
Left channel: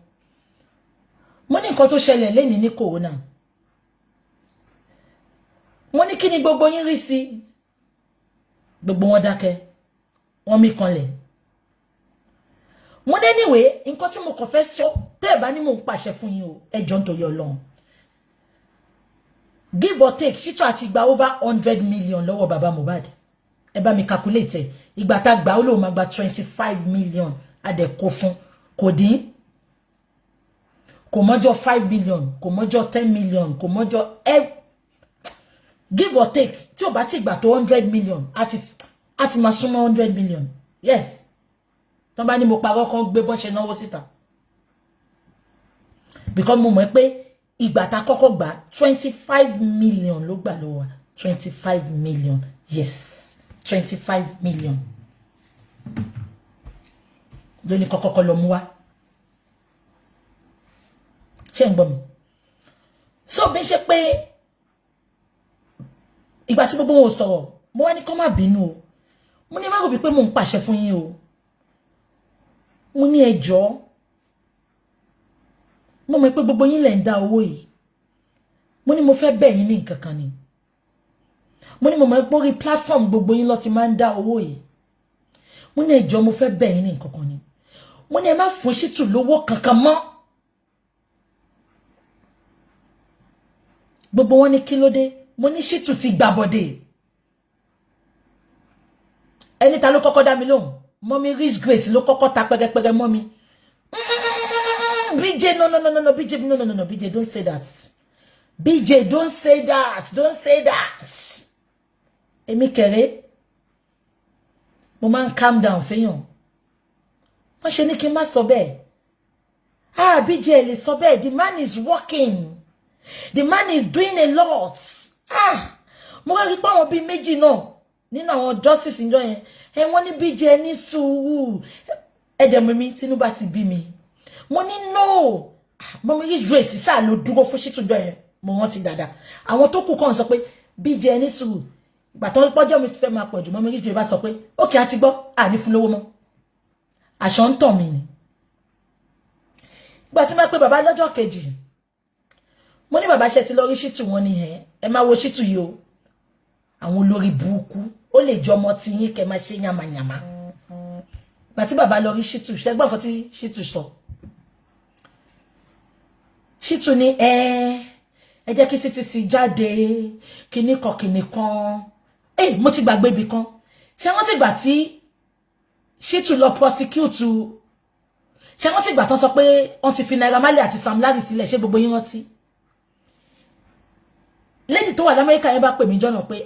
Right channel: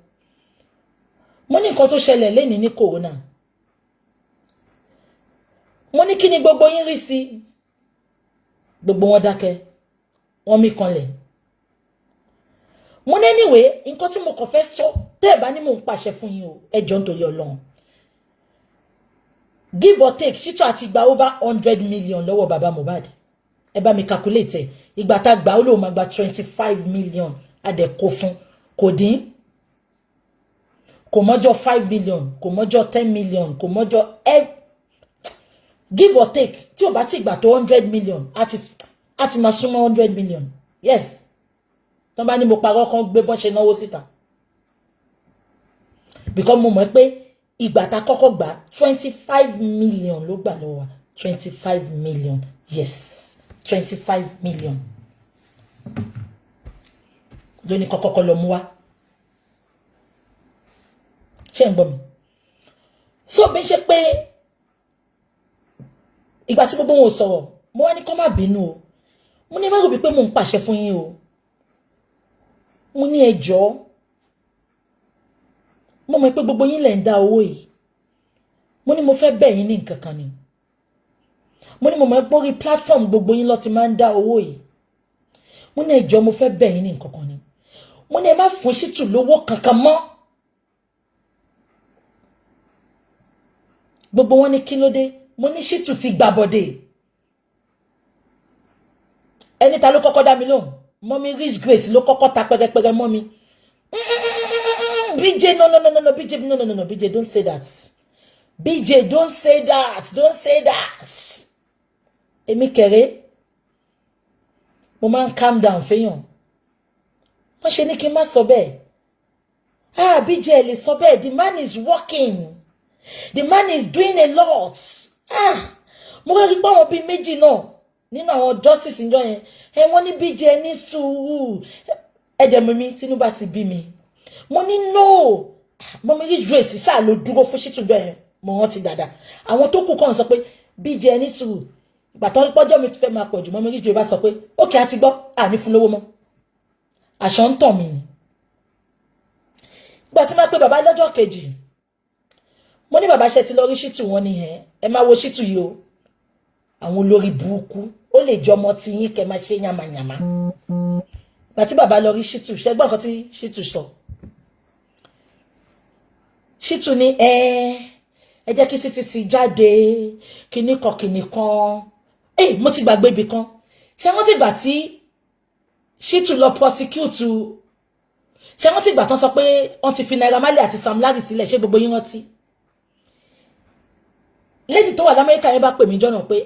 Mo ní nǹkan tó ṣẹlẹ̀ lẹ́ni ní corona. Mo ní kí ni gbogbo yín rí sí. Gbogbo wọn dákẹ́. Wọ́n mí kanlẹ̀. Mo ní anyway, nǹkan tí mo kàn fẹ́ sọ tẹ́ bá ní mo ń pàṣẹ fún yín o. Ẹ jọ̀ọ́ nítorí Ọlọ́run. Give or take, Shittu àti gba over 100 million lọ́wọ́ bàbá Mohbad. Ẹ bá mi calculate. Ìgbà tá gbà ó ló máa gba 25 million. Adẹ kó fún kò dín. Kò mọ́jọ́ 5 million, kò mọ́jọ́ 10 million, kò mọ́jọ́ give or take. Tí ó bá ti gbà tó 100 million, àti máa súnmọ́ 100 million. Yes. Tọ́n bá ní mo parọ́ kan gbé bọ́n ṣe náwó síta. Because mo mọ̀ pé ìgbà tá kọ́kọ́ gbà 25 million ló gbà lọ́wọ́ wa. 25 million. Yes. 25 million. Lóní kọ́kọ́ lọ mú wá. Ṣé ń gbọ́ mi? So bí ṣe pé ìgbà tí gbogbo wọn sọ̀rọ̀, mo wá ní kó má bínú o. Mo ní má rò bí pé mo ń pàṣẹ fún yín o. mo ní ẹjọ́ mo mọ̀ pé gbogbo yín lẹ ń dá owó yìí mo ní mo fẹ́ bẹ̀ yín ní nǹkan kan ni mo ní mo mọ̀ pé orí platform gbogbo yín ló ti máa ń dá owó yìí mo ní ẹjọ́ mo fẹ́ bẹ̀ yín ní nǹkan kan ni mo ní ẹ má fún Shittu lówó kankan mọ́ gbogbo wọn ní kí ló dé mo ní Shittu ti gbàbọ̀dé ẹni ta ló kọ́kọ́ dá mi lóhùn Mommy Rich Grace ló kọ́kọ́ ta pẹrẹpẹrẹ mọ́ mi BJ no BJ no BJ don't say that BJ don't say that èmi kéré mo máa ń calm down fẹ́yàn wọ́n ṣe ní kí n má sọ bẹ́ẹ̀ BJ lè sọ bẹ́ẹ̀ the man is working the man is doing a lot mo wá rí pé àwọn bíi méjì náà nínú àwọn justice ńjọ́ yẹn wọ́n ní BJ ní sùúrù ẹ̀jẹ̀ mi Tinubu ti bí mi mo ní no Mommy Rich Grace ṣáà ló dúró fún Shittu ńjọ́ yẹn mo rántí dáadáa àwọn tó kù kàn sọ pé BJ ní sùúrù ìgbà tó pọ́jọ́ mi fẹ́ máa pọ̀ jù Mommy Rich Grace bá sọ pé ókè á ti gbọ́ àní fún lówó mọ́ àṣọ ń tàn mí ni ìgbà tí máa pé bàbá lọ́jọ́ kejì mo ní bàbá ṣe ti lọ rí Shittu wọn ni ẹ máa wo Shittu yìí o àwọn olórí burúkú ó lè jọ ọmọ tí yín kẹ́ máa ṣe yamayama ìgbà tí bàbá lọ rí Shittu ṣe gbọ́ nǹkan tí Shittu sọ Shittu ní ẹ jẹ́ kí CTC jáde kinní kan mo ti gbàgbé ibì kan ṣé wọ́n ti gbà tí Shittu lọ prosecute ṣé wọ́n ti gbà tán sọ pé wọ́n ti fi Naira Marley àti Sam Larry sílẹ̀ ṣé gbogbo yín rántí lady tó wà l'Amẹ́ríkà yẹn bá pè mí jọ́nà pé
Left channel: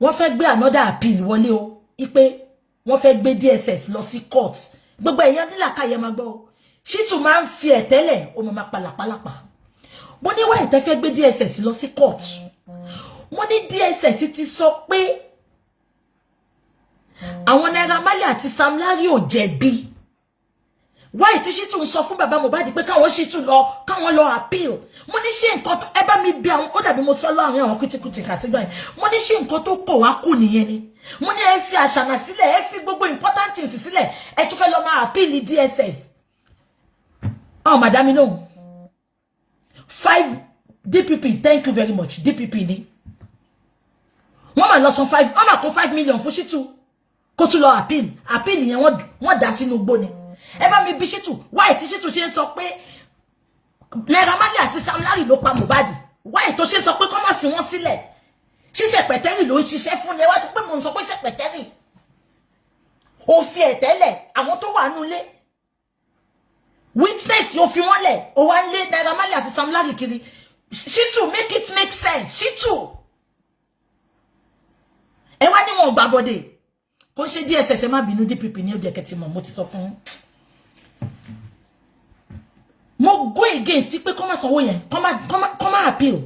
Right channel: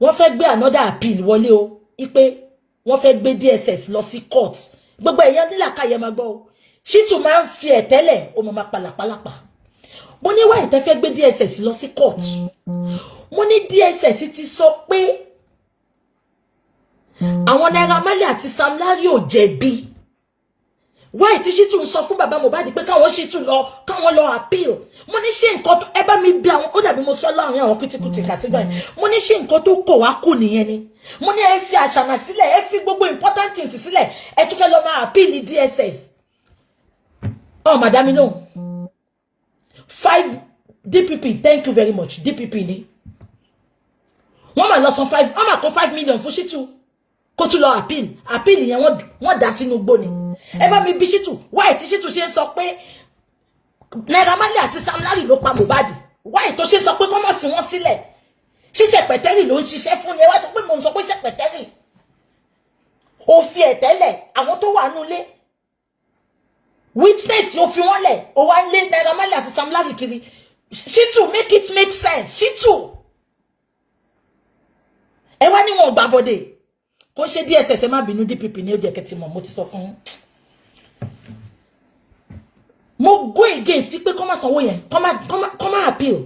wọ́n fẹ́ gbé another appeal wọlé o ipe wọ́n fẹ́ gbé DSS lọ sí court gbogbo èèyàn nílàkàyè máa gbọ́ o Shittu máa ń fi ẹ̀tẹ́lẹ̀ ó máa palàpalàpà mo ní wá ìtẹ́ fẹ́ gbé DSS lọ sí court mo ní DSS ti sọ pé àwọn Naira Marley àti Sam Larry ò jẹ̀bi why tí Shittu ń sọ fún bàbá Mohbad pé káwọn Shittu káwọn lọ appeal mo ní ṣé nǹkan tó ẹ bá mi bí àwọn ó dàbí mo sọ láàrin àwọn kùtìkùtì kàtígbà yẹn mo ní ṣé nǹkan tó kọ̀ wá kù nìyẹn ni mo ní ẹ fi àṣànà sílẹ̀ ẹ fi gbogbo important things sílẹ̀ ẹ tún fẹ́ lọ máa appeal DSS madam no 5 DPP thank you very much DPP ni wọ́n máa lọ san 5 wọ́n máa kó 5 million fún Shittu kó tún lọ appeal yẹn wọ́n dá sínú gbó ni ẹ bá mi bí Shittu why tí Shittu ṣe ń sọ pé Naira Marley àti Sam Larry ló pa Mohbad why tó ṣe sọ pé kó má fi wọ́n sílẹ̀ ṣíṣe pẹ̀tẹ́rì ló ń ṣiṣẹ́ fún ni ẹ wá sọ pé mo ń sọ pé ṣe pẹ̀tẹ́rì ó fi ẹ̀tẹ́lẹ̀ àwọn tó wà nulé witness ó fi wọ́n lẹ̀ ó wá ń lé Naira Marley àti Sam Larry kiri Shittu make it make sense Shittu ẹ wá ní wọn ò gbàbọdè kò ṣe DSS ẹ má bínú DPP ní ó jẹ́ kẹ́ ti mọ̀ mo ti sọ fún mo go against pé kó má sanwó yẹn kó má appeal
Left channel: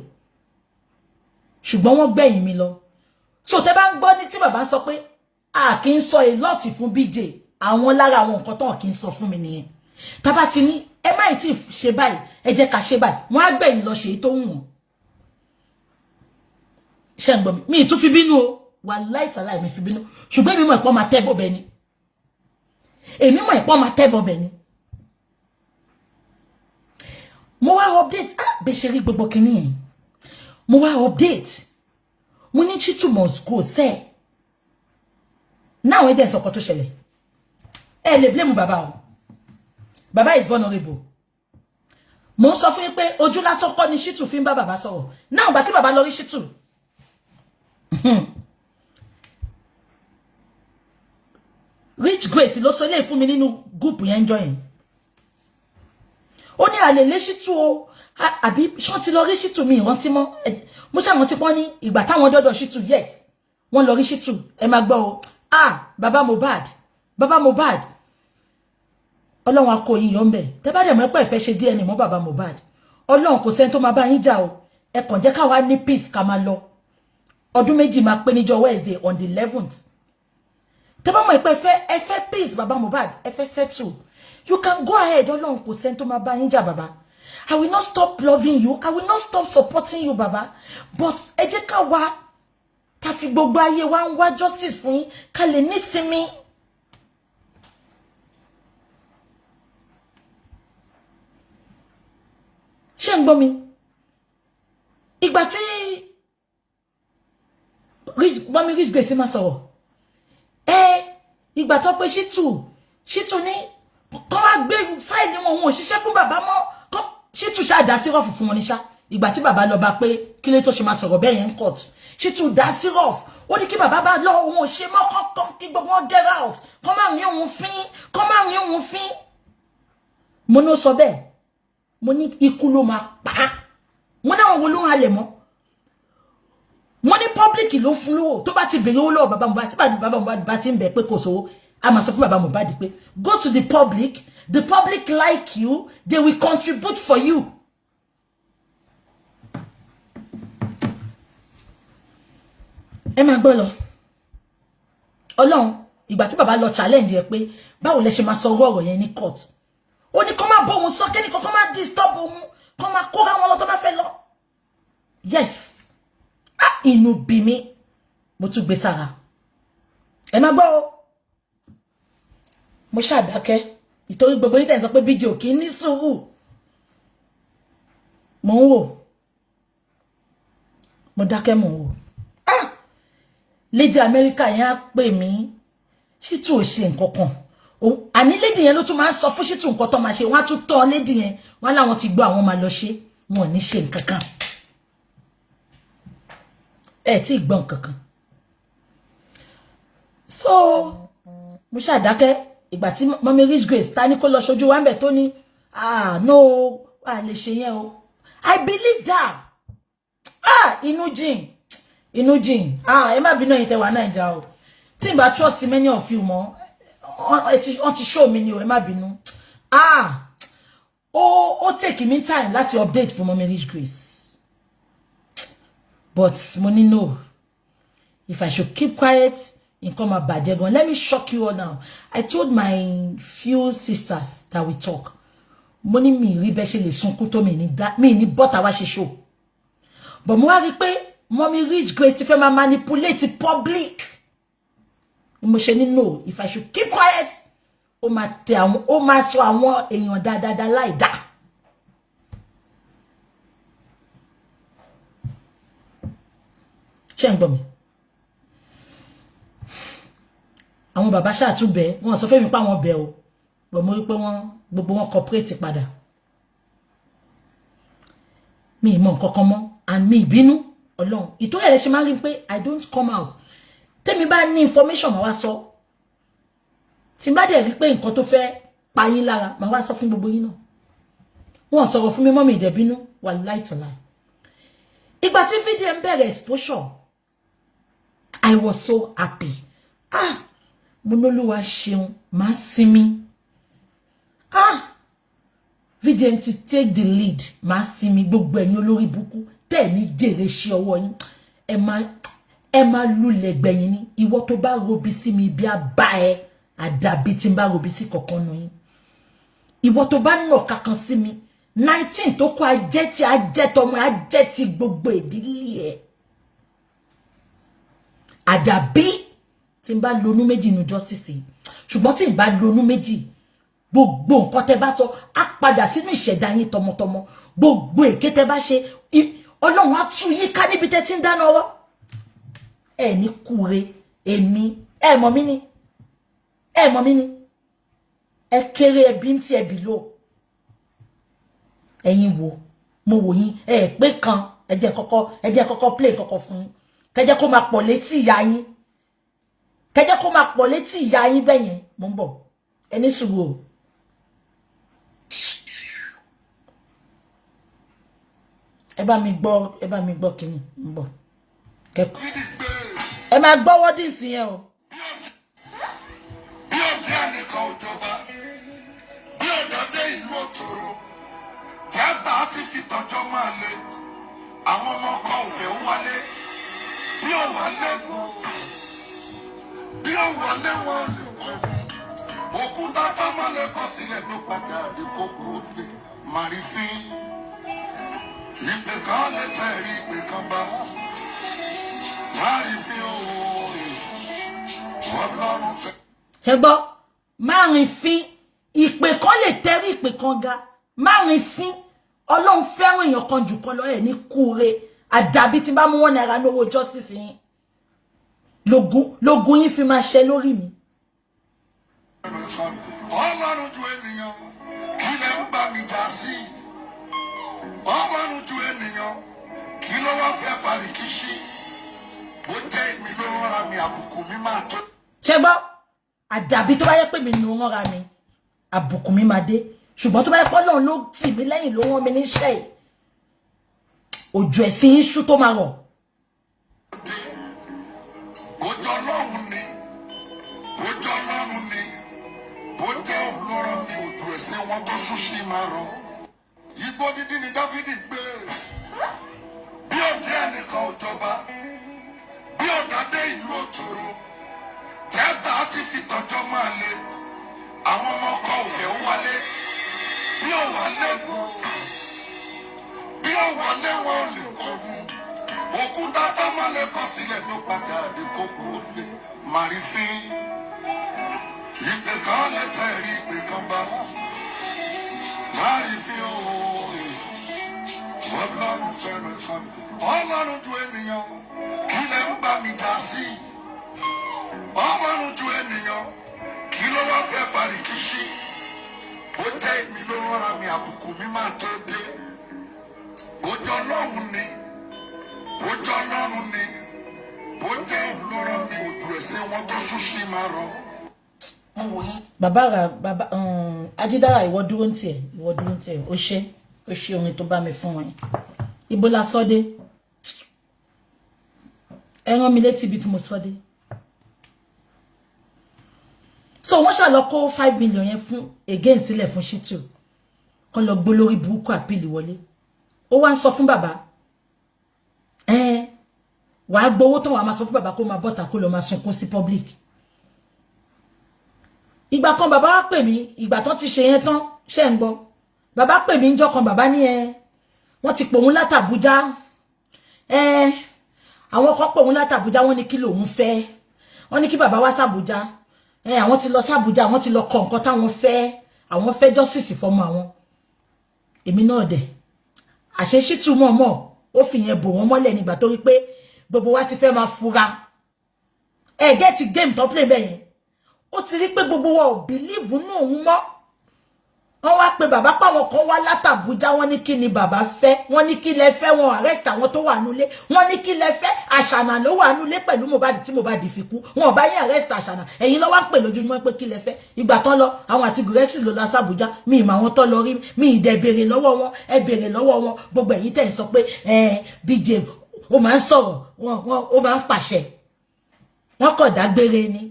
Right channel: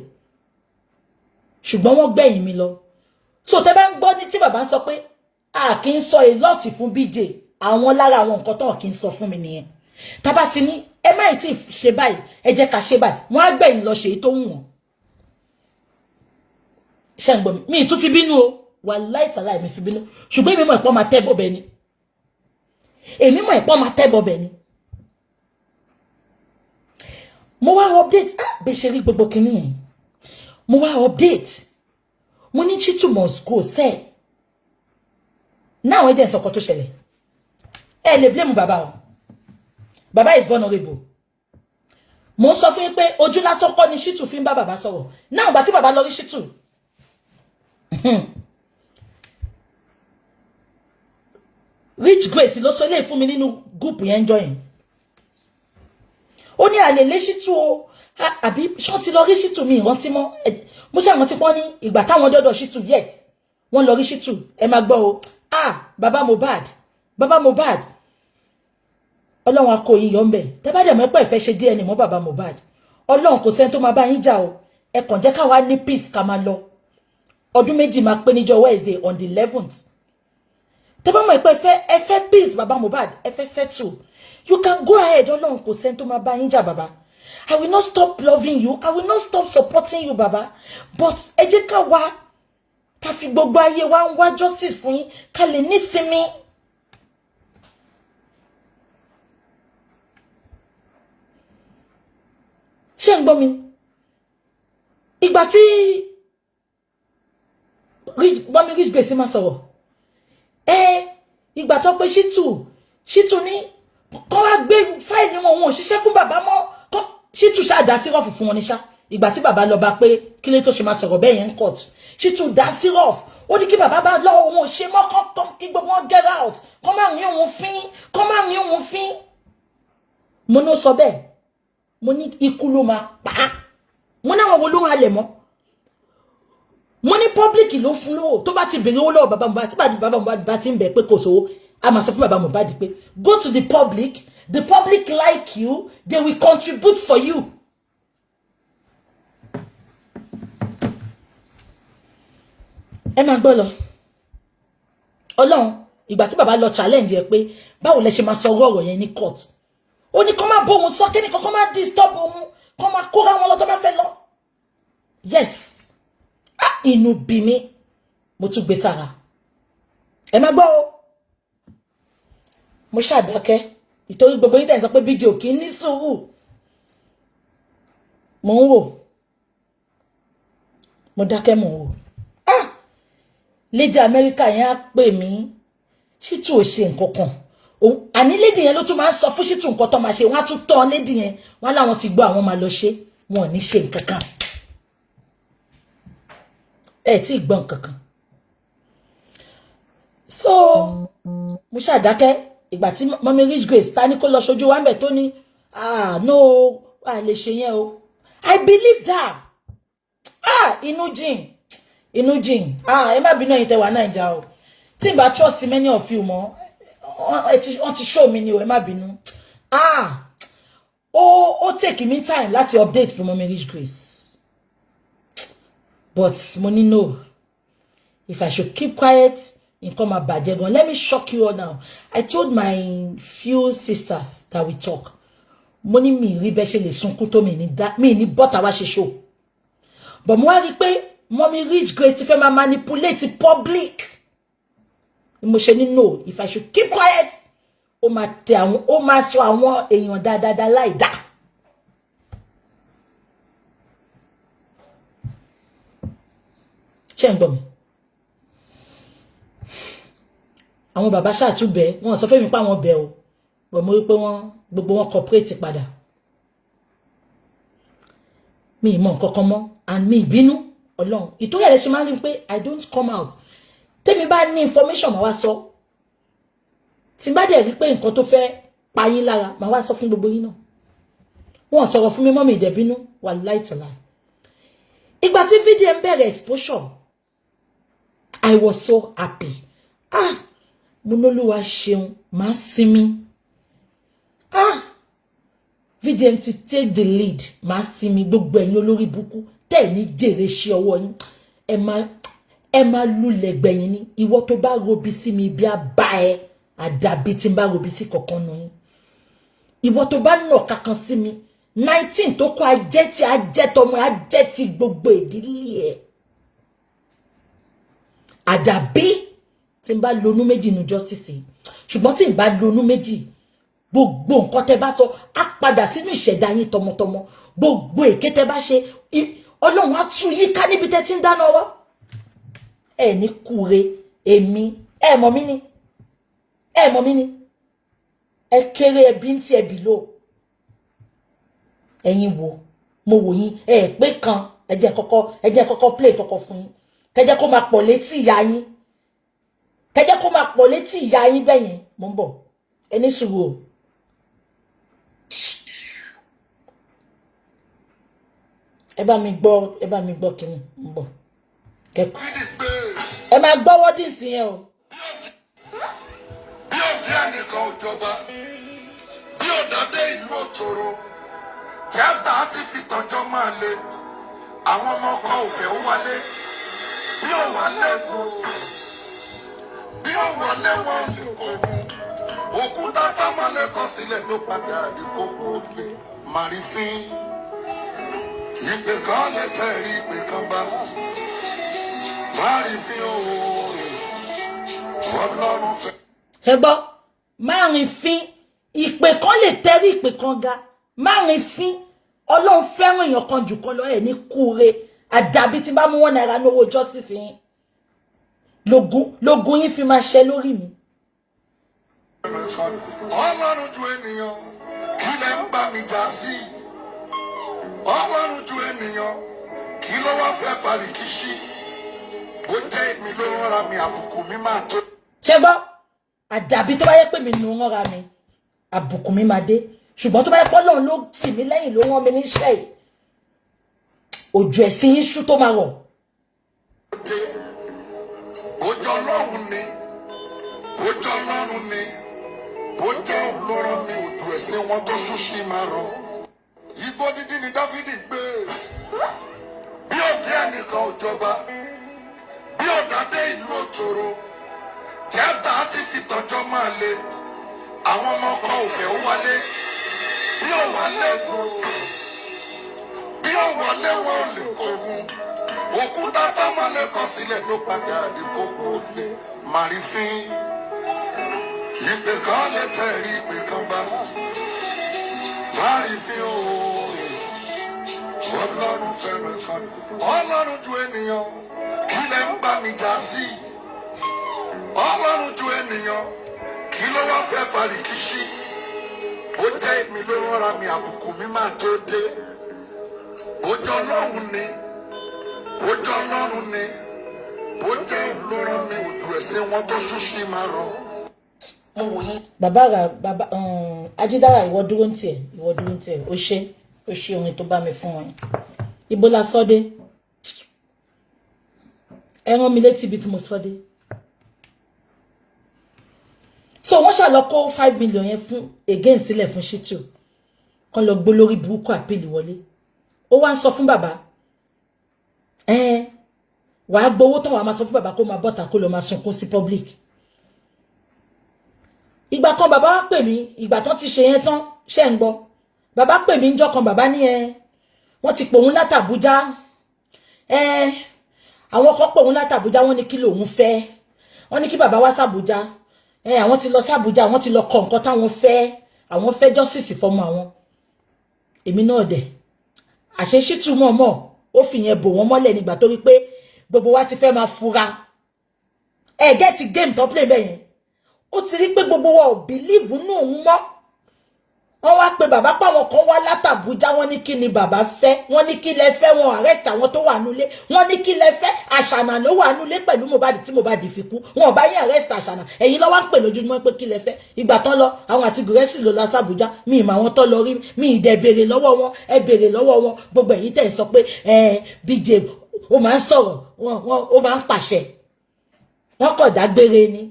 ṣùgbọ́n wọ́n gbẹ̀yìn mi lọ so tẹ́ bá ń gbọ́ ní tí bàbá sọ pé a kì í sọ a lot fún BJ àwọn lára àwọn nǹkan tó kì í sọ fún mi nìyẹn tá bá ti ní ẹ má tí ṣe báyìí ẹ jẹ́ ká ṣe báyìí wọ́n á gbẹ̀yìn lọ ṣe tó wù wọ́n ṣé ń gbọ́ mi tún fi bínú o wàláhì tàláhì mi fi bínú ṣùgbọ́n èmi mọ̀ ìpọ́n máa tẹ́ bọ̀bẹ̀ ni èmi mọ̀ ìpọ́n máa tẹ́ bọ̀bẹ̀ ni mo wá update bẹ́ ṣe rí gbogbo kìíní yẹn mo wá update mo ní Shittu must go sẹ́ náà ẹ̀dẹ̀ sọ̀kọ̀ tó ṣẹlẹ̀ ẹ lè blame bàbá o bàbá is vulnerable mo sọ fún yín pé ojú lásán kọ́ ni Shittu fi ń bá bàbá sọ̀rọ̀ náà gbà tí bàbá lọ rí Shittu Rich Grace ló sọ lè fún mi nínú group yẹn join ó ní àlè lé Shittu o àbí ṣán ti lọ rí Shittu mi ìrántí mọ́ mo ṣàwọn tí wọ́n ní ìgbà táwọn dọ́dọ̀ Shittu yes wọ́n lọ rí Shittu ẹ máa gbọ́ o bàbá Mohbad Ọlọ́run akó yín yọ ńbẹ̀ tẹ́ bá dẹ̀ mọ̀ pé ìfẹ́ ṣe DNA mọ́ bàbá Mohbad Ọlọ́run kò sẹ́ni tó máa bá yín jà o ẹ kàn jẹ́ ká wá ní peace ká máa lọ ọdún méjì máa pé níjọ́ Wednesday on the 11th tẹ́ bá mọ̀ pé ẹ fẹ́ peace bàbá Mohbad ẹ fẹ́ settle you can go ahead Ọlọ́run kò sẹ́ni tó máa bá yín jà bàbá I will not stop loving you I will not stop supporting you bàbá but ẹ jẹ́ ká wá ká fi gbogbo ayé wa ń wá justice fún yín ká lè nísinmi ṣé ń gbọ́ mi ìgbà tí mọ́mí Rich Grace máa sọ̀rọ̀ ìgbà tó pé Ṣítù ní kọ́ wá gbé fáìlì wọn ò ṣiṣẹ́ fún bàbá mọ́ Ṣítù ṣáà dá sírọ̀fù fún wọn ní ṣá ìgbà tí bàbá lọ bá pé kí ló tó ṣe máa sọ̀rọ̀ bẹ́ẹ̀ yẹn ń court Ṣítù dá sírọ̀fù ó ní kí bàbá bá lọ òun ò ṣe mọ́ kí gbogbo wọn get out kọ́ máa rí òun fín mo ní ó sọ bẹ́ẹ̀ mo ní ikú ló máa pa á mo ní àwọn wo ló ń halẹ̀ mọ́ mo ní public ló fún lówó tó bá ti bèrè owó lọ́wọ́ bàbá Mohbad tí bàbá Mohbad bá ti ń bẹ̀ pé kò sówó a máa sọ fún bàbá Mohbad pé go to the public like you they will contribute for you. ẹ máa gbọ́ lọ ọlọ́run ìgbà tí bàbá lọ challenge ẹ pé báwo lẹ ṣe máa sọ ọ̀rọ̀ yẹn ní court ó ní kó má bóun sọ kẹ́nìkan kó má disturb òun kó má kóra wọn lọ tó má fẹ́ lọ yes inú bí mi mo tún gbé sára ẹ má gbọ́ o mo ṣàdákẹ́ ìtorí gbogbo yín tẹ̀ sọ pé fídíò kì í ní sùúrù mo ń wò mo dákẹ́ mo ń wò Lady America yẹn á pè mí Ṣítù ò ṣe nǹkan kan àní lady yẹn ló tún máa ń sọ fún Ṣítù nǹkan tó máa ṣe wọ́n á tún tán lady yẹn wọ́n láwọn ti gbọ́ àwọn máa lọ ṣe wọn ò ní ṣe nǹkan kan tí gbọ́ nǹkan kan so mo ṣàdákẹ́ ìgbà tí mọ́mí Rich Grace ta ní kó lọ ṣojú wa ń bẹ̀ tó ní no lè ṣe yẹn o I believe that inú jìn ẹ má bínú ẹ̀yin tẹ́ wà Naija o tí n bá trust many of you mọ́ wọ́n ti show mi ni o ẹ má bínú ó take me time láti update fún mọ́mí Rich Grace but mo ní no if I should keep quiet nǹkan máa bàjẹ́ gan. Let me shock you all now. I told my few sisters that we talk mo ní mi rí bẹ́ẹ̀ ṣe lè sunkún tó mi ní bọ́tà wá ṣe show but mo wá rí pé mọ́mí Rich Grace ti fẹ́ máa manipulate public mo ṣe ní no if I should keep quiet ó máa sọ àwọn èèyàn dáadáa láì dá. ṣé ń gbọ́ mi àwọn bàbá ṣàtúbẹ̀ wọ́n sọ fẹ́ mi pa àwọn bẹ̀ o bọ̀ mo rí pé gbogbo wọn cooperate padà mi mọ̀ nǹkan kan mọ́ and mi ìbínú ọlọ́run ìtorí ẹ̀ lè ṣe máa rí pé I don't come out tèmi bá ní information máa wá sọ tí bá dẹ̀ rí pé nǹkan tó fẹ́ pa yín lára máa wá sọ fún gbogbo yín náà wọ́n sọ̀rọ̀ fún mi mọ́ mi ìdẹ̀bínú wà láìtàlá ìgbà tí fídíò ń bẹ̀rẹ̀ exposure I was so happy mo n'Olúwa ṣeun máa sinmi VDM ti take the lead máa sinmi gbogbo ẹ̀yin olórí burúkú tẹ́ ní jèrè ṣe ọwọ́ yín ẹ máa lulẹ̀ gbẹ̀yìn ní ìwọ tó bá robi sí mi bí a bá ẹ àdàbí tí n bá robi sí kankan nù yín ìwọ tó bá nà kankan sí mi 19 tó kọ ajẹ́ tí ajẹ́ tọmọ ajẹ́ tí gbogbo ìdílé ẹ̀ àdàbí tí n bá lonú méjì nu justice ṣùgbọ́n tí n bá lonú méjì gbogbo nǹkan tẹ́ bá sọ á padà sínú ìṣẹ̀dá yín tọmọtọmọ gbogbo èké tẹ́ bá ṣe Ọlọ́run á tú yín ká níbi tẹ́ tí ń dáná ọwọ́ ẹ ní kúre èmi ẹ mọ̀ mí ni ẹ kéré ẹbí ń tí ẹ bì lò ẹ̀yin wo mo wò yín ẹ pé kan ẹ jẹ́ kọ́kọ́ play kọ́kọ́ fún yín kẹjẹ́ kó máa pọ̀ létí ìyá yín bẹ́yẹn mo ń bọ̀ ẹni sùúrù o. ẹ bá mi gbọ́ kíni ń bọ̀ kẹ́kọ̀ọ́ ẹ máa gbọ́ wọ́dí sí yẹn o. bí òde ẹnìkan ò jọba bí òdàdé ìlú òtòrò tíátà ti fi tọjọ́ máa le àwọn ọmọ kan ò fẹ́ wálé bí ó wálé wọn òkúta támọ́lẹ̀ kọ sílẹ̀ ló padà ìkókó lé màrífín ìpè kan lè tẹ̀rí ìpè kan bá màrífín Ọlọ́run fẹ́. ẹ gbọ́ márùn-ún ìpè kan lè tẹ̀rí ìpè kan ga márùn-ún Ọlọ́run fẹ́ràn èèyàn kan jù kan lọ ẹ̀ ní kúre àdàbí tí bá mú wọn náírà lówó justice yín lógún yín fi máa ṣẹ lórí mi. Ọlọ́run ju ènìyàn kí lẹ ń bá mi jà sí. Ọlọ́run ju ènìyàn kí ló wá fẹ́ fàríkìṣí. Ó jẹ́ èmi ló rọra mi àbùkù mi máa tó. Ṣé gbọ́ àdàbí tó bá yẹ pé mi nù ń rọra mi àbùkù mi máa dé ṣùgbọ́n tó bá yẹ pé Ọlọ́run ló tì mí lẹ́yìn ló rán mi níṣẹ́ yìí òjò ẹ̀sìn iṣu tó máa rọ̀. Ojú Ọlọ́run ni ojú Ọlọ́run ni bó jẹ́ olóró mi òjò ẹ̀sìn wọn tó ṣúṣì máa rọ̀. Igbó dídí ni Dáfídì gbé bí òde ẹnìkan ò jọba bí òdàdé ìlú òtòrò Jẹ́fítà ti fi tọ́jọ́ máa le àwọn ọmọ ọkọ òfẹ́ ó wálé bí ó wálé bí ó wálé wọn lè kógun òkúta tọ́mọ́lé kọ sílẹ̀ ló padà dé kókó lé màrífín ìpè kan lẹ́tẹ̀ rí ìpè kan bá màrífín o Ọlọ́run fẹ́ràn kan Ọlọ́run ju ènìyàn kí lẹ ń bá mi jà sí. Ọlọ́run ju ènìyàn kí ló wá fẹ́ fàríkìṣí. Ó jẹ́ èmi ló rọra mi àbùkù mi máa tó dé. Ojú Ọlọ́run ni ojú Ọlọ́run ni ó jẹ́ olóró mi òjò ẹ̀sìn wọn tó ṣúṣì máa rọ̀. Bàbá Ajídára ìwọ dúró ń tiẹ̀ ó ṣe orin tó bá mi fún wọn ibo la sọdé ẹ rán mi létí ibi tí mo sọdé. So wọ́n ṣá lọ kó 5 million yẹn fún again sílẹ̀ fún Shitu kan lọ gbó lórí burúkú àpìlì wọlé ó wá ń sọ fún bàbá wàá gbowó tán wàá máa sọ fún bàbá kó máa bọ́ta kó lọ máa sunkún sí public. Ìgbà kan bàbá wá pè mí ìgbà tán ti ṣe yẹn tán ṣe ń gbọ́ bàbá pè mí ńjọ́ kan bàbá ní wọ́n ti pòun látàbújá àwọn kan pòun látàbújá wọ́n ní kí lòun fẹ́ wọ́n ní kí bàbá wá sàbújá àwọn ti lọ sàbújá àwọn ti lọ kọ nǹkan táwọn fẹ́ justice fọmọ àwọn. Èmi náà dẹ̀ àṣẹ Shitu mọ̀ọ́mọ̀ ó fi yẹn bò wọ́n mọ́lẹ̀ nígbà tó rí pé gbogbo wa ti fẹ́ máa fura get game tó play bẹ́ẹ̀ yẹn ó ti rí pé gbogbo wa ò believe nínú òun mọ́. Wọ́n wá pé bàbá páwọn kan wá látàbújá wọ́n ní kí ni bàbá fẹ́ wọ́n ní kí lẹ fẹ́ wọn arrest àwọn tó wà nulé wọ́n ní kí lẹ fẹ́ Àṣànà ló wà nulé pẹ̀lú Mohbad tí Mohbad fi kú wọn ò bá yín arrest Àṣànà ẹ̀yin ló wá ń pè lójoojúmọ́ pé kí lẹ fẹ́ ìgbà tán lọ àwọn àti gúrẹ́sì ló lọ sàbújá mi ìmọ̀ àwọn tó lọ rí mi ìdẹ̀ béèrè lọ́wọ́ wọn ẹ béèrè lọ́wọ́ wọn gbogbo ẹ̀yin tẹ̀ ń sọ pé BJ ó máa ń sọ̀rọ̀ ó máa ń pàṣẹ wọ́n kọ̀ dágbére ni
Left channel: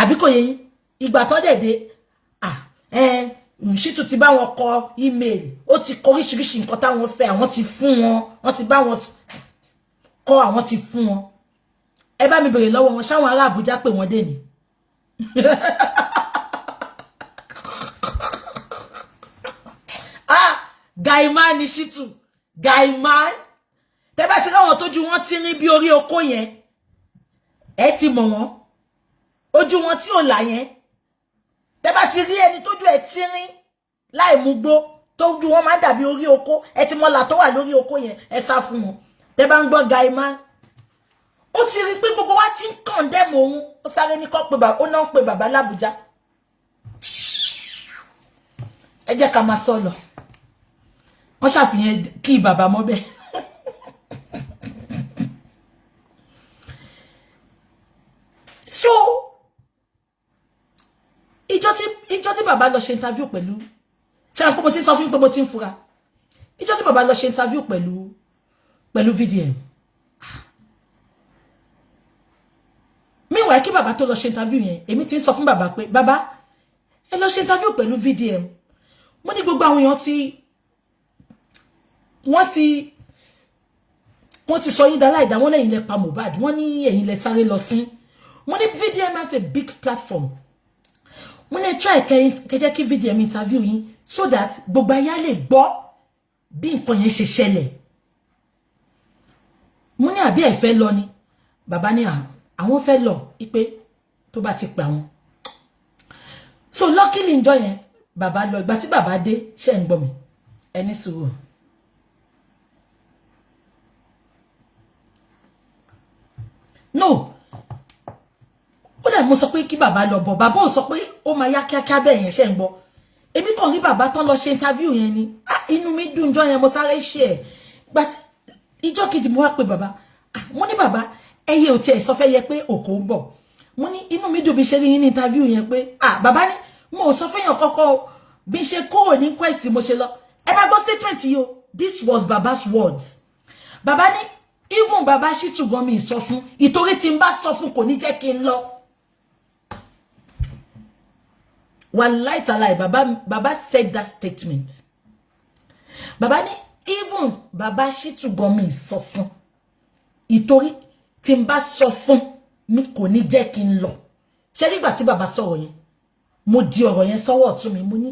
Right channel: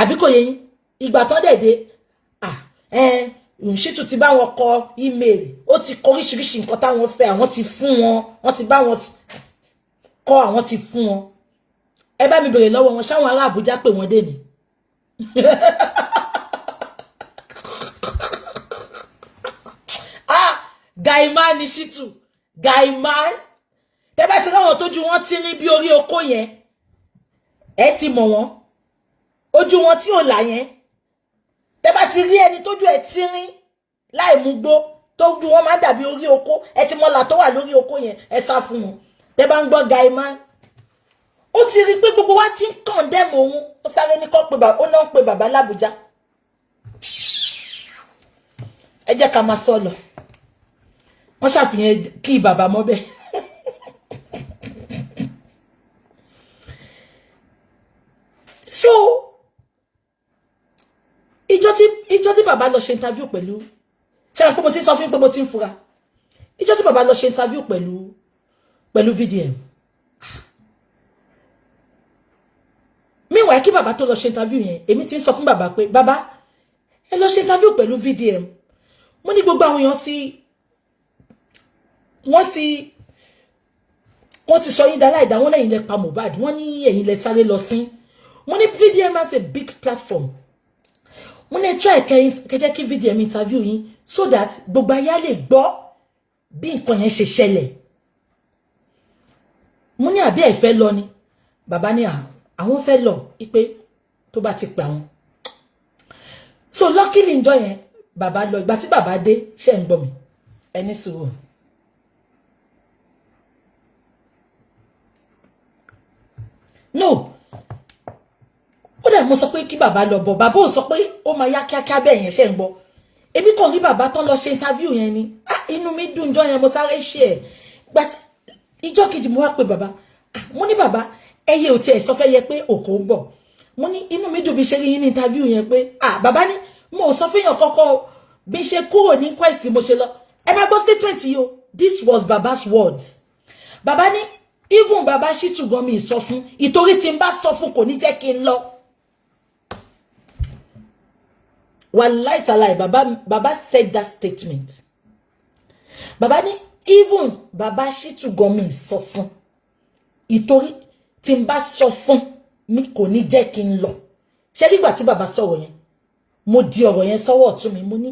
àbí kò yẹ yín ìgbà tán dẹ̀dẹ̀ Shitu ti bá wọn kọ email ó ti kọ oríṣiríṣi nǹkan táwọn fẹ́ àwọn ti fún wọn wọ́n ti bá wọn kọ àwọn ti fún wọn ẹ bá mi bèrè lọ́wọ́ wọn ṣáwọn ará Àbújá pè wọ́n dé ni Gaima ni Shitu Gaima tẹ́ bá ti ráwọn tójú wọn ti rí bí orí oko yẹn ẹ ti mọ̀ wọ́n ojú wọn tí ò là yẹn tẹ́ bá ti rí ẹni tójú ẹ̀ tí rín láì mú gbó tójú wọn máa dàbí orí oko ẹ ti mọ̀lá tó wà lórí oko yẹn ẹ sá fún wọn tẹ́ bá ń gbọ́ Gaima ó ti rí pé gbogbo wa ti ń condemn òun ó sáré ní kọ́ pé bàbá ó náà ń pe bàbá l'Àbújá ẹ jẹ́ ká máa sọ lọ wọ́n ṣàfihàn kí bàbá mọ́ bẹ́ẹ̀ so ìjọ tí bàbá lọ ṣe interview pẹ̀lú ṣe àwọn pé mo ti sọ fún pé mo ti ń fura ìjọ tí bàbá lọ ṣe interview pẹ̀lú VDM meanwhile kí bàbá tó lọ ṣe interview yẹn èmi ti ń sọ fún bàbá pé bàbá ẹ lọ ṣe interview pẹ̀lú VDM mo ní gbogbo àwọn èèyàn tí wọ́n ti sọ yín dára ìdá wọ́n lẹ́yìn lẹ pa Mohbad wọ́n ní ẹ̀yin lẹ sáré lọ sí mo ní VDM has a big platform mo ní try kẹjẹ́ kí VDM interview yín so that gbogbo ayé lè gbọ́ bí nǹkan yẹn ṣe ṣẹlẹ̀ mo ní àbí ẹ fẹ́ lọ ni bàbá ní àwọn fẹ́ lọ ipe tó bá ti pè àwọn so luckily ńjọ́ yẹn bàbá lọ ìgbà tí bàbá dé ṣé ń gbọ́ mi ẹni sùúrù. No ó dẹ̀ mo sọ pé kí bàbá lọ bọ̀ bàbá ò sọ pé ó máa yá kíákíá bẹ́ẹ̀ yẹn ṣé ń gbọ́ èmi kàn rí bàbá tán lọ ṣe interview yẹn ni inú mi dùn jọ yẹn mo sáré ṣe ẹ̀ but ìjọ́ kejì mo wá pé bàbá mo ní bàbá ẹyẹ ò tiẹ̀ sọ fẹ́ yẹ pé òkò ń bọ̀ mo ní inú mi dùn bí ṣe rí yín ní interview yẹn pé bàbá ní mo ò sọ fẹ́yàn kọ́kọ́ bí ṣe kúrò ní quest mo ṣe lọ ẹ má gbọ́ statement yìí o this was baba's words bàbá ní even bàbá Shittu gan mi sọ fún ìtorí tí n bá sọ fún kò ní jẹ́ kí n lọ wallahi talai bàbá said that statement bàbá ní even bàbá Shittu gan mi sọ fún ìtorí tí n bá sọ fún mi kò ní jẹ́ kí n lọ ṣé nígbà tí bàbá sọ̀rọ̀ yẹn mo di ọ̀rọ̀ yẹn sọ́wọ́ ọ̀tún mi mo ní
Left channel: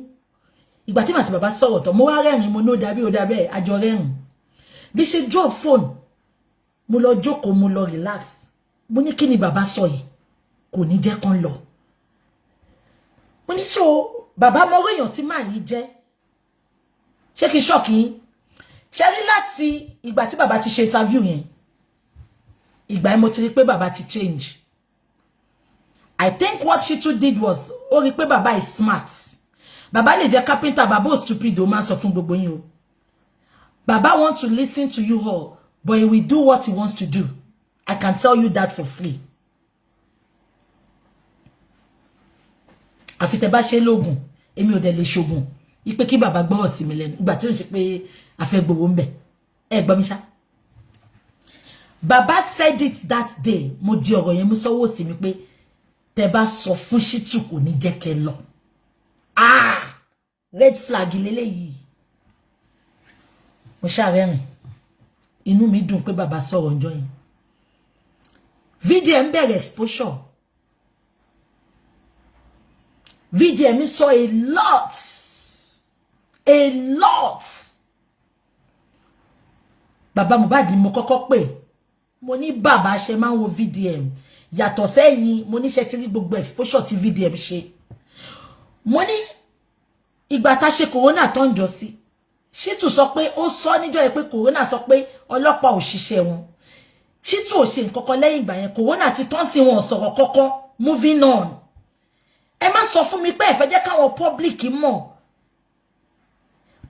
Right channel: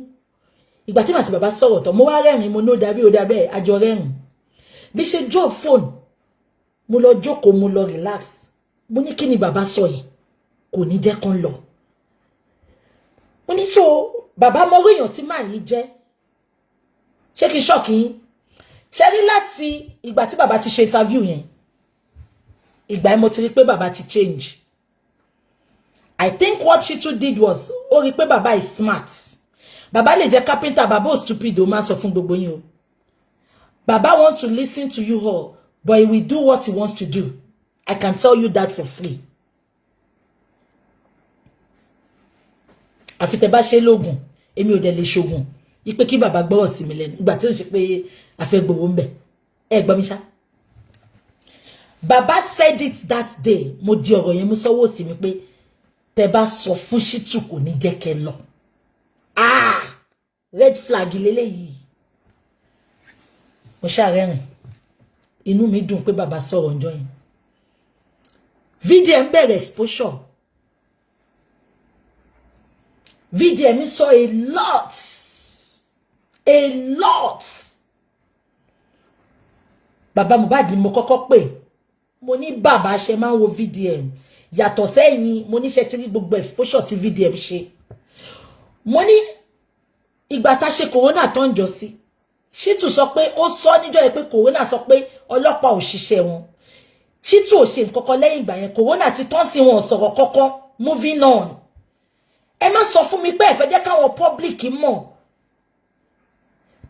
ìgbà tí màtí bàbá sọ̀rọ̀ tán mo wá rẹ́rìn mo ní ó dàbí ó dàbẹ́ àjọ rẹ́rìn bí ṣe drop phone mo lọ jókòó mo lọ relax mo ní kí ni bàbá sọ yìí kò ní jẹ́ kán lọ mo ní so bàbá mọ èèyàn tí màá yìí jẹ́ ṣé kí ṣọ́ọ̀kì yín ṣe rí láti ìgbà tí bàbá ti ṣe interview yẹn ìgbà yẹn mo ti rí pé bàbá ti change I think what Shittu did was ó rí pé bàbá is smart bàbá lè jẹ́ carpenter bàbá ò stupid ó máa sọ fún gbogbo yín o bàbá want to listen to you all but he will do what he wants to do I can tell you that for free àfi tẹ́ bá ṣe lóògùn èmi ò dẹ̀ lè ṣògùn ipe kí bàbá gbọ́rọ̀ sí mi lẹ́nu ìgbà tí ó ń ṣe pé afẹ́ gbowó ń bẹ̀ ẹ gbọ́ mi ṣá bàbá said it that day mo di ọ̀rọ̀ yẹn mú sọ́wọ́ sí mi pé tẹ́ bá sọ fún Shittu kò ní jẹ́ kẹ́ lọ red flag lélẹ́yìí mo ṣàrẹ́rìn inú mi dùn pé bàbá sọ̀rọ̀ ńjọ́ yẹn VDM bẹ̀rẹ̀ exposure VDM sọ a lot bàbá Mohbad mo kọ́kọ́ pè mo ní bàbá ṣe máa ń wo VDM yàtọ̀ sẹ́yìn mo ní ṣe ti rí gbogbo exposure tí VDM ṣe mo ní ìgbà tá ṣe corona tó ń jọ sí Shittu sọ pé ó sọ níjọ́ yẹn pé corona sọ pé ọlọ́pàá ò ṣiṣẹ́ wọn Shittu ò ṣe nǹkan kan lẹ́yìn ìgbà yẹn corona ti tán sí wọn sọ̀rọ̀ kọ́kọ́ moving on ẹ má sọ fún mi pé ẹ fẹ́ jẹ́ káwọn public mọ̀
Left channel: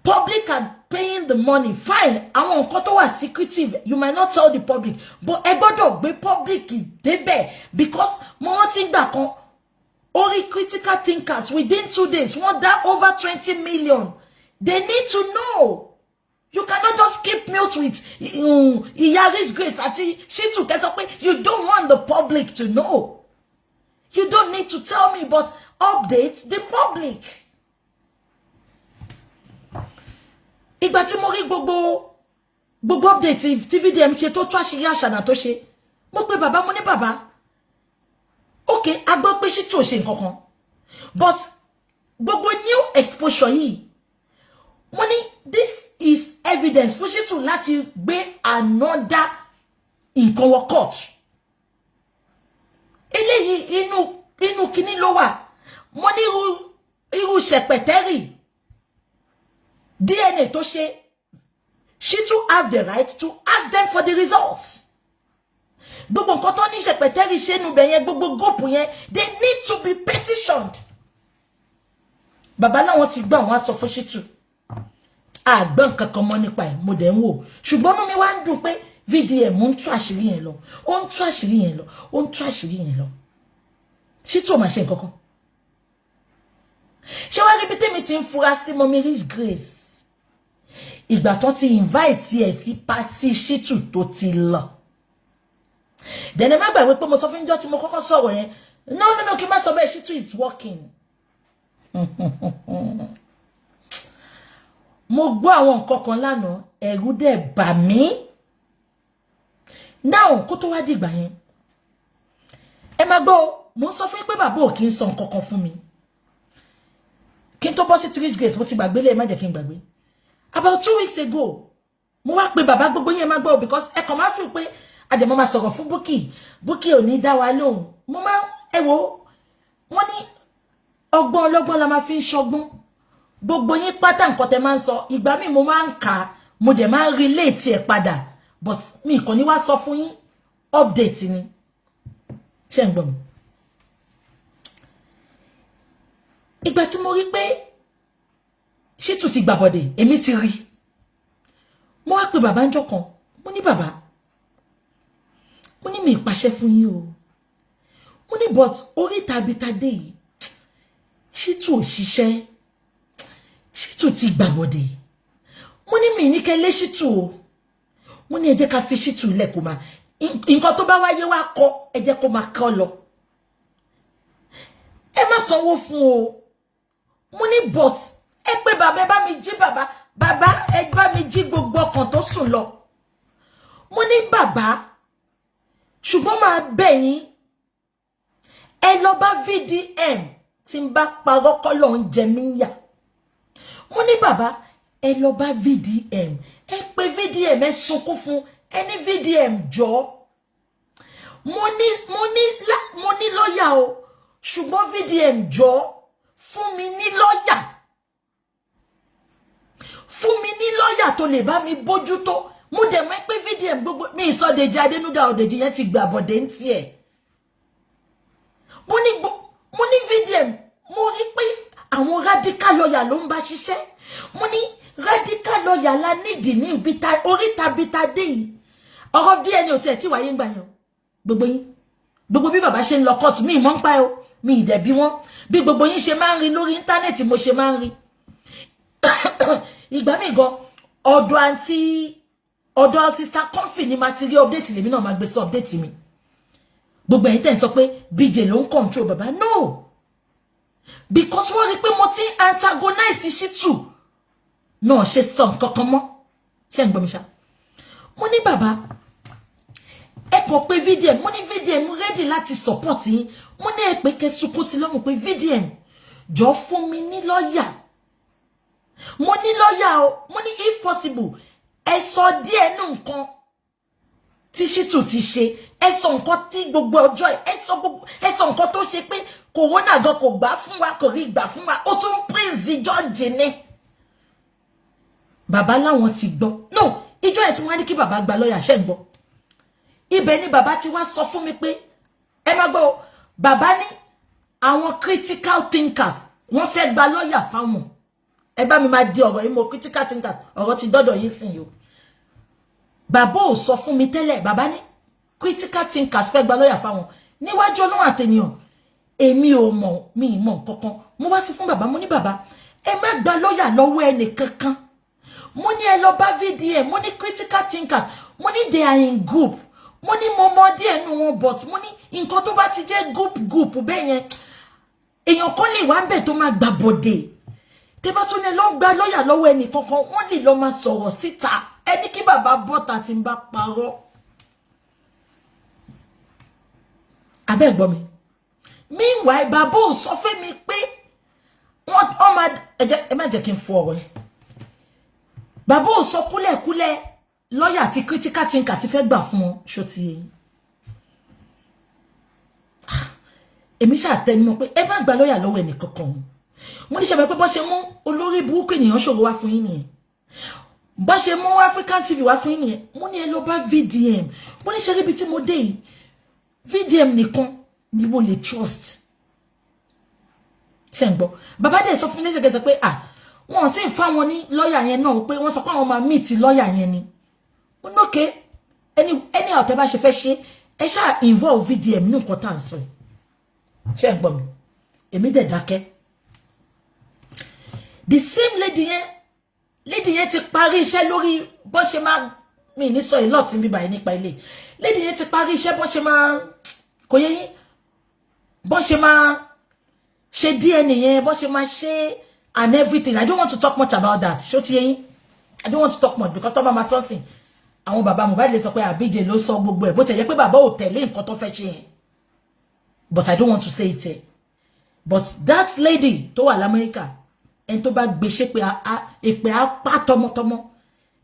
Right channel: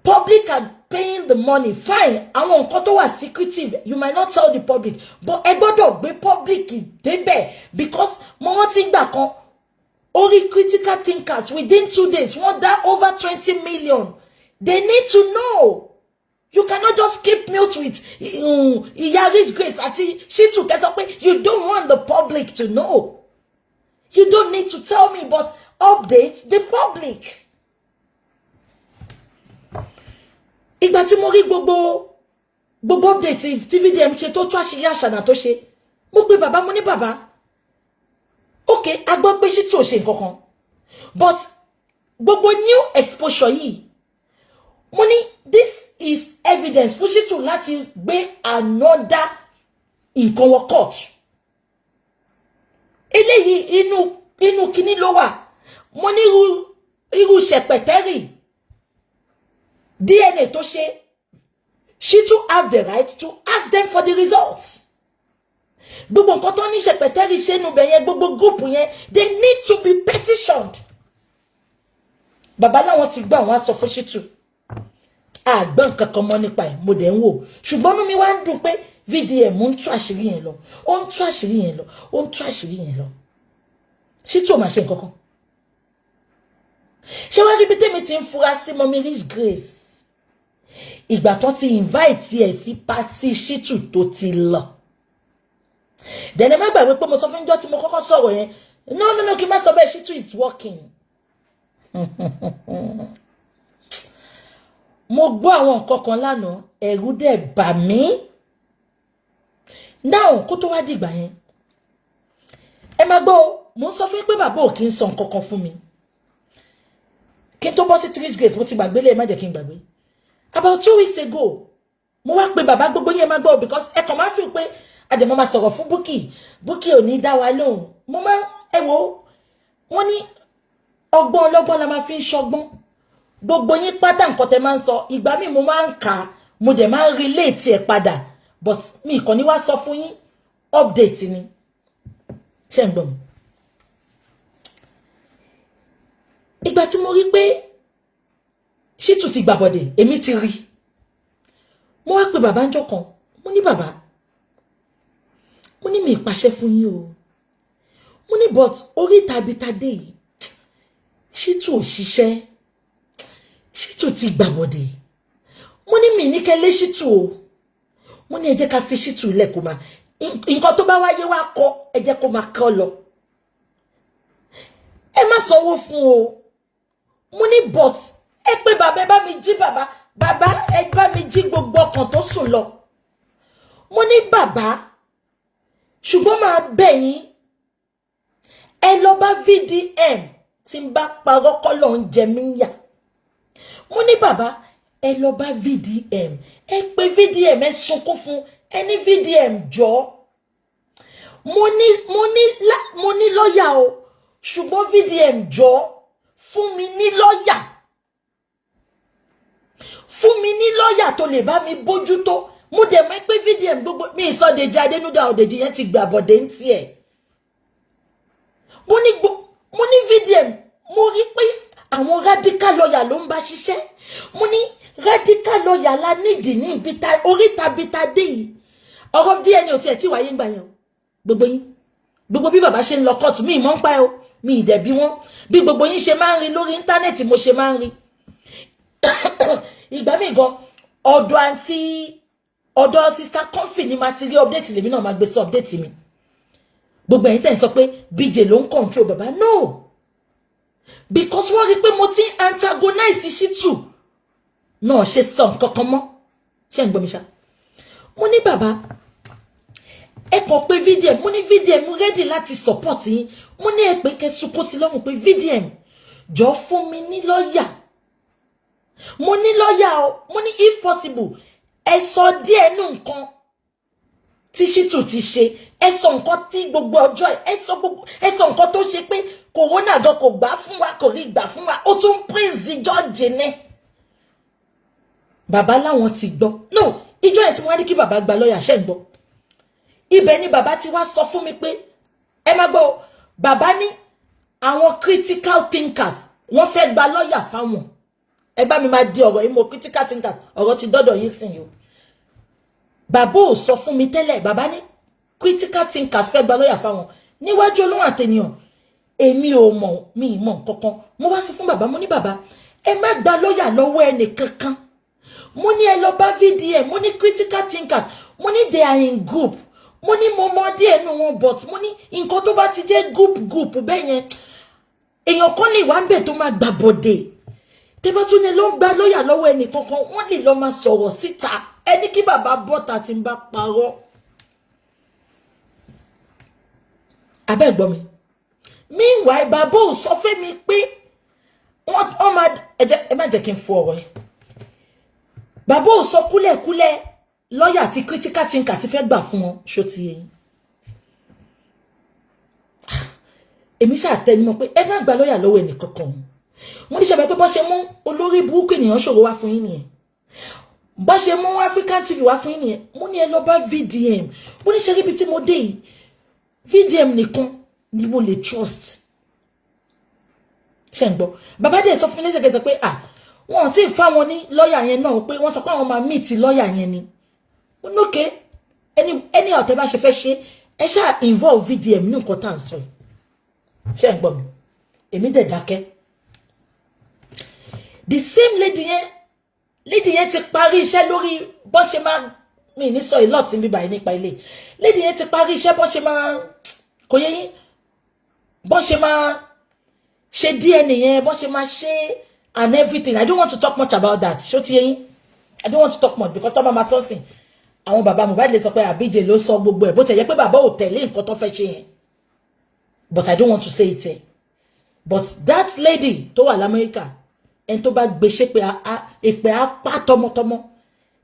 public are paying the money fine àwọn nǹkan tó wà secretive you might not tell the public but ẹ gbọ́dọ̀ gbé public débẹ̀ because mo rántí gbà kan orí critical thinkers within 2 days wọ́n dá over 20 million they need to know you cannot just keep mute with Iya Rich Grace àti Shittu kẹ́ sọ pé you don't want the public to know you don't need to tell me but update the public. Ìgbà tí mo rí gbogbo update tí VDM ṣe tó tú àṣírí àṣànà tó ṣe mo pè bàbá mo ní bàbá okay a gbọ́ pé Shittu ò ṣe nǹkan kan but gbogbo new exposure yìí mo ní this is evidence fún Shittu láti gbé another nǹkan wọ court eléyìí inú kíní ló wà mo ní irú ṣẹpẹtẹrì DNA tó ṣe Shittu have the right to ask them for the results gbogbo nǹkan tó ní ṣẹpẹtẹrì ṣe nu bẹ̀ yẹn gbogbo group yẹn they need to be petitioned bàbá láwọn ti gbà wọn sọ fún Shittu àgbọn nǹkan kan mọ́ nípa ẹ̀ mo dẹ̀ ń wò ṣùgbọ́n inú mi wá ń dùn pé VDM ń tú àṣírí yẹn lọ ó ń tú àṣírí yẹn lọ ó ń tú àṣírí yẹn lọ Shittu ò máa ṣe nǹkan kan ṣé wá rí bí tèmi ti ń fura sí Mummy Rich Grace ìgbà tó ti invite ẹ̀ sí party Shittu tó ti lọ dẹ̀nẹ̀ má gbàgbé pé mo sọ fún ìjọ tí mo kọ́kọ́ sọ̀rọ̀ yẹn no kí n má sọ bẹ́ẹ̀ Shittu is working mo gbọ́ àwọn nǹkan kan lánàá ẹ̀rù dẹ̀ bà mí now kó tó wá dìgbà yẹn ẹ má gbọ́ mo ń sọ fún pé bàbá ò kí ń sọ nǹkan kan fún mi kí n tó bọ́ sí Rich Grace mo ti gbàgbé lé má jẹ́ kí n gbàgbé about 2 weeks ago mo wá pé bàbá gbogbo yẹn má gbọ́ because ẹ kàn máa fi pé àjẹmọ́ máa sọ̀rọ̀ fún Bukky ò ní dá wa lóhùn mo máa ẹ wo wọ́n ní ọgbọ́n ọlọ́gbọ́n la máa fi ń ṣọgbọ́n gbogbo yín pátá nǹkan tẹ́ máa ń sọ ìgbà mi mo máa ń kà mo dẹ̀ máa ń relate ẹ̀ padà but mi kàn ní wá sọ fún yín update ni ṣé ń gbọ́ mi. Ìgbà tí mo rí pé Shittu ti gbàbọ̀dẹ̀ èmi ti rí mo wá pè bàbá ńjọ́ kan mo ní bàbá mo ní mi ìpàṣẹ fún yín o mo ní but orí tabitade yìí Shittu ò ṣiṣẹ́ Shittu ti gbàbọ̀dẹ̀ mo ní mi ní kẹ́lé Shittu o mo ní ẹ jẹ́ ká fi Shittu lẹ̀ kó máa nǹkan tó bá wáyé wá kọ́ ẹ jẹ́ kó máa kọ́ lọ ẹ má sanwó fún o mo ní but ẹ pé bàbá ẹ bá mi jí bàbá ẹ bá mi jí gbogbo ọkàn tó sùn lọ mo ní bàbá ṣùgbọ́n máa bẹ̀ yín ẹ lọ bá VDM tí ń bá parọ́ kọ́ lọ ń jẹ mí yà mo ní bàbá ẹ lọ bá VDM ẹ pé VDM ẹ sunkún fún ẹ ní VDM jọ mo ní lọ́yà o ṣùgbọ́n VDM jọ fún mi ní lọ́yà tó lè bá mi bójútó mo dẹ̀ mọ̀ pé VDM gbogbo mi ìsọdèjì Adénúgà Òdèjì yẹn ti gbà bọ̀dẹ̀ ń tiẹ̀ mo ní VDM mo rí pé àwọn radical lawyer ló ń bá ṣiṣẹ́ mo ní radical lawyer la nídìí ní ìbíta oríta bíta dé yìí ọ̀rọ̀ DNA ò tiẹ̀ tí wáyé ń gbà yẹn gbogbo yín gbogbo bí bàbá ṣe ń lọ kóòtù mi ìmọ̀ ń pa ẹ́ o mi ìdẹ̀bí wọn bí gbogbo yín ṣe máa ń rí lórí íńtánẹ́ẹ̀tì mo ṣe máa ń rí ìgbà mi gan ọ̀dọ̀ sister Comfy ni ma ti rí update lèmi náà máa gbé sí update mi gbogbo ẹ̀yin tẹ́ ń sọ pé BJ ló ń control bàbá no because wọ́n rí pé mo ti antagonize Shittu náà ṣe sọ nǹkan kan mọ́ ṣé ń gbọ́ mi ṣá mo ní bàbá ẹ kàn pé VDM mo ní VDM ready láti support yín mo ní ẹ pé kẹsùn kó sí lọ́rùn pé VDM jọ fún mi ní lọ́yà mo ní lọ́yà o mo ní if possible ẹ sọ díẹ̀ nù nǹkan tí Shittu ti ṣe ẹ sọ nǹkan tí gbogbo ọjọ́ ẹ sọ nǹkan tó ṣe pé corona gan kò gbà fún wa kò rí gbà fún wa ó tún praise George ní bàbá láwọn ti gbọ́ no ìjọ ẹ̀ tí wọ́n á ní kí bàbá gba lọ́yà ṣẹ́ ń gbọ́ ibẹ̀ ni bàbá ti wá sọ fún mi pé ẹ má gbọ́ bàbá ní àwọn critical thinkers wọ́n fẹ́ gba lọ́yà fáwọn ẹ bá mi máa di ọ̀rọ̀ yìí mo critical thinkers ọ̀rọ̀ ti dọ́dọ̀ yìí sìn yìí bàbá ò sọ fún mi tẹ́lẹ̀ bàbá ní critical thinkers fẹ́ gba lọ́yà fáwọn níwájú Ọlọ́run àtẹnìyàn èmi ò mọ̀ mi ì mọ̀ kankan mo wá sí fún bàbá mo ní bàbá ẹ má gba lọ́yà lọ́wọ́ ẹnì kankan mo ní ẹ lọ bá VDM mo ní critical thinkers mo ní they are in group mo ní mo mọ díẹ̀ nù wọn but mo ní nǹkan tó bá ti jẹ́ group bẹ́ẹ̀ yẹn èèyàn kan lè wá ń bẹ̀ tó máa gbà bọ̀dẹ̀ tẹ́ bá tún ní lọ ń gba lọ́yà lọ́wọ́ ẹnì kankan wọ́n lè lọ máa sọ̀rọ̀ síta ẹni kí bàbá bọ́ta ti ń bá parọ́ abẹ́ gbọ́ mi meanwhile bàbá ò sọ fẹ́ mi pé wọ́n máa ẹ má jẹ́ kí n fọ ọ̀rọ̀ yẹn bàbá ò sọ kúlẹ̀kúlẹ̀ lọ́yà àti critical thinker ti fẹ́ gbà fún wọn ṣó ti yẹn èmi ṣàtẹnumọ́ pé ẹ má gba lọ́yà lọ́wọ́ ẹnì kankan mo ní ṣe mọ̀ pé bọ́ ṣe mú olórí burúkú ènìyàn ṣòro wá fún yín nìyẹn bọ́ ṣe mú African TV wá fún yín nìyẹn mo ní ẹ lọ bá VDM mo ní ṣe ríbi tí mo dé yìí VDM nìkan ni mo lè trust ṣe ń gbọ́ bàbá dẹ̀ sọ fún mi lẹ́sẹ̀kẹsẹ̀ pé wọn ti fa wọn ní lọ́yà yẹn náà pé wọ́n sọ pé àwọn máa meet lọ́yà yẹn ni mo ní okay ẹni ọ̀tẹ̀ bá ṣe fẹ́ ṣe ẹ ṣáà involve VDM ní nǹkan tá à ń sọ yìí ṣe ń gbọ́ mi èmi dẹ̀ dákẹ́ the same lady yẹn ti parí iṣẹ́ lórí bó ṣe máa mi ní sọ ìlọ́ọ̀tì bíbá yìí nípa ilé lady yẹn ti parí iṣẹ́ bó ṣe máa kò yẹ yín bó ṣe máa ṣe DNA yẹn bó ṣe máa ṣe and everything. I don't want to talk much about that. Ṣó ti yé yín? I don't want to talk much because tó bá máa sọ sìn àwọn bàbá Mohbad lè sọ pé BJ ló sọ gbogbo ẹ̀ bó tẹ̀ yẹ pé bàbá ò tẹ̀lé nǹkan tó fẹ́ ṣe yẹn. But I don't want to say it here. But that lady tó wà l'Amẹ́ríkà ẹni tó bá gbé ṣe pé èpè apá tọmọtọmọ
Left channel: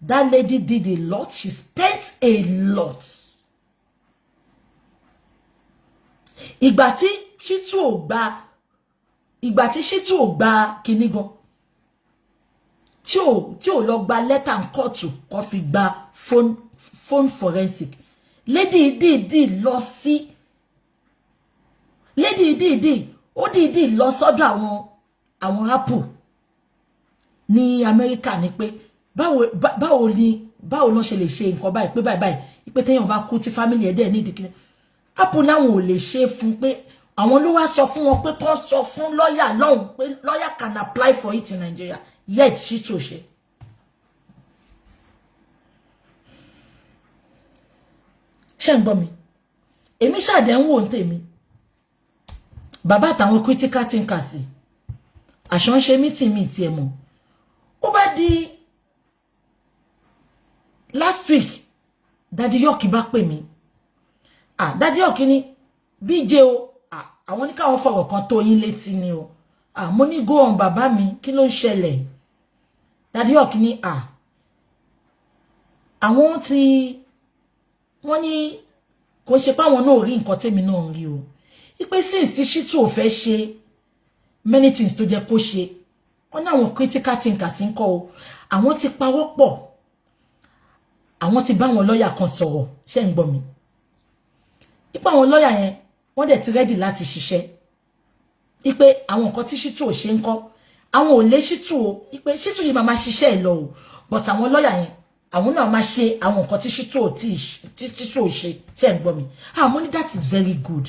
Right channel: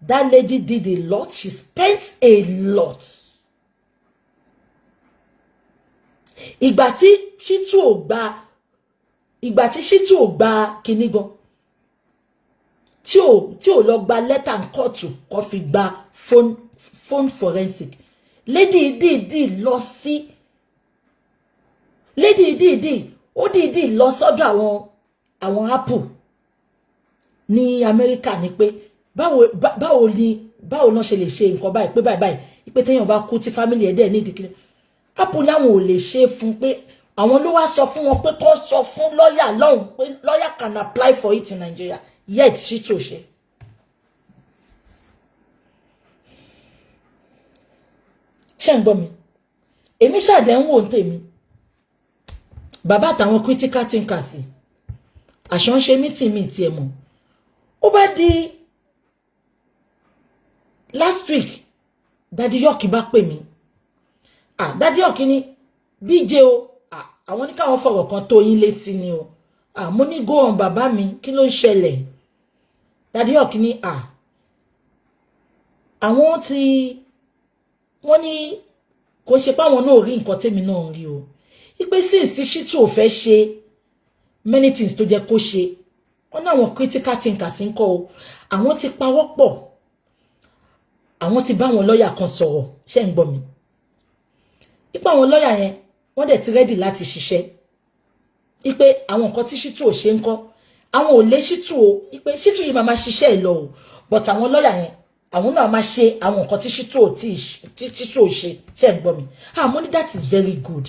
that lady did a lot. She spent a lot. Ìgbà tí Shittu ò gba kíní gan tí ò lọ gba letter ń kóòtù kó fi gba phone forensic. Lady dìídì lọ sí lady dìídì lọ sọ́dọ̀ àwọn Apple ní Amẹ́ríkà ní pé báwo náà ṣe lè ṣe nǹkan báyìí pé báyìí pé téèyàn bá kú tí family ẹ̀ dẹ̀ ní ìdíkìlẹ Apple láwọn ò lè ṣe fún pé àwọn ló wá sọ fún wọn pé kó sọ fún lawyer lọ́hùn pé lawyer can apply for it in Nigeria yet she tó ṣe. Ṣé ń gbọ́ mi èmi ṣàdé ń wò ń tèmi bàbá àtàwọn critical thinkers àṣọ ń ṣe meeting mi tiẹ̀ mọ̀ ó bá di last week Daddy York bá pè mí Daddy York ní BJ o àwọn ní káwọn fọ̀rọ̀ kan tó yín létí ni o mo ní go on bàbá mi kí ló ń ṣẹlẹ̀ Daddy York ní àwọn wọ́n ní kò ṣe pé àwọn náà rí nǹkan tèmi náà rí o ipe since tí Shittu ò fẹ́ ṣe many things tó jẹ́ kó ṣe wọ́n ní àwọn critical thinkers ń kọ́ o àwọn ti pawọ́ pọ̀ àwọn ti bá wọn lọ́yà kan sọ̀rọ̀ ṣé ń gbọ́ mi ipe àwọn lọ́yà yẹn wọ́n dẹ̀ ti ready láti ṣiṣẹ́ ipe àwọn nǹkan tí Shittu ò ṣe ń kọ́ àwọn ò lé Shittu o ipe Shittu yìí máa ṣiṣẹ́ ẹ̀ lọ o but àwọn lọ́yà yẹn àwọn náà máa ṣe àwọn nǹkan tí Shittu ò ṣe ṣé ń gbọ́ mi mo ní that is very good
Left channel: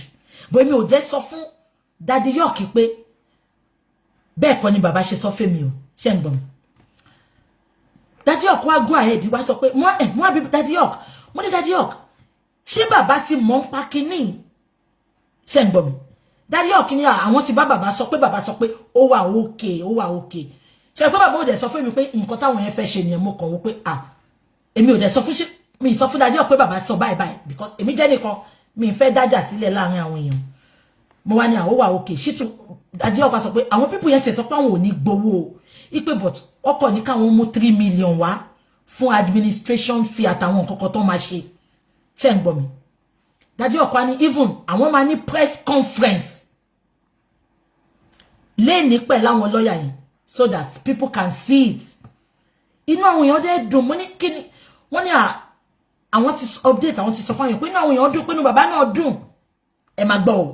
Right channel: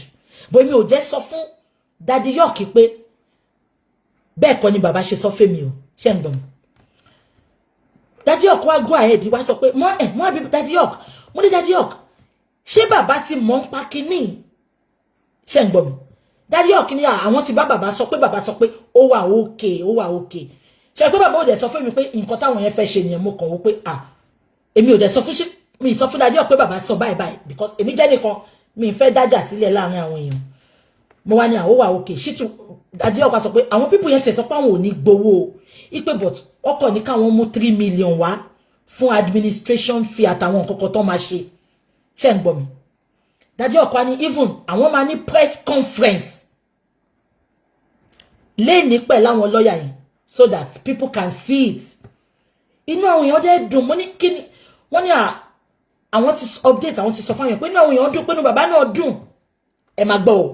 but mi ò jẹ́ sọ fún Daddy York pé bẹ́ẹ̀ kọ́ ni bàbá ṣe sọ fún mi o ṣé ń gbọ́ mi Daddy York wá go ahead wá sọ pé mo àbí Daddy York mo ní Daddy York ṣé bàbá ti mọ̀ ń pa kíní ṣé ń gbọ́ mi Daddy York ní àwọn ti bá bàbá sọ pé ó wà okay ṣé pé bàbá ò dẹ̀ sọ fún mi pé nǹkan táwọn yẹn fẹ́ ṣe nìyẹn mo kàn wò pé èmi ò dẹ̀ sọ fún mi sọ fún Daddy York pé bàbá sọ báyìí because èmi jẹ́ nìkan mi fẹ́ dájà sílẹ̀ láàrin àwọn èèyàn mo wá ní ó wà okay Shittu Daddy York sọ pé àwọn people yẹn tẹ̀ sọ pé àwọn ò ní gbowó ipe but ọkọ̀ ní káwọn mú 3 million wá fún administration fee àtàwọn nǹkan kan tó máa ṣe ṣé ń gbọ́ mi Daddy York wá ní even àwọn máa ní press conference lẹ́ni pẹ̀lú àwọn lọ́yà yẹn so that people can see it inú àwọn èèyàn dẹ̀ dùn mo ní kíni wọ́n ní àwọn ti update àwọn ti sọ fún yẹn pé inú àwọn èèyàn dùn pé inú bàbá náà dùn ẹ máa gbọ́ o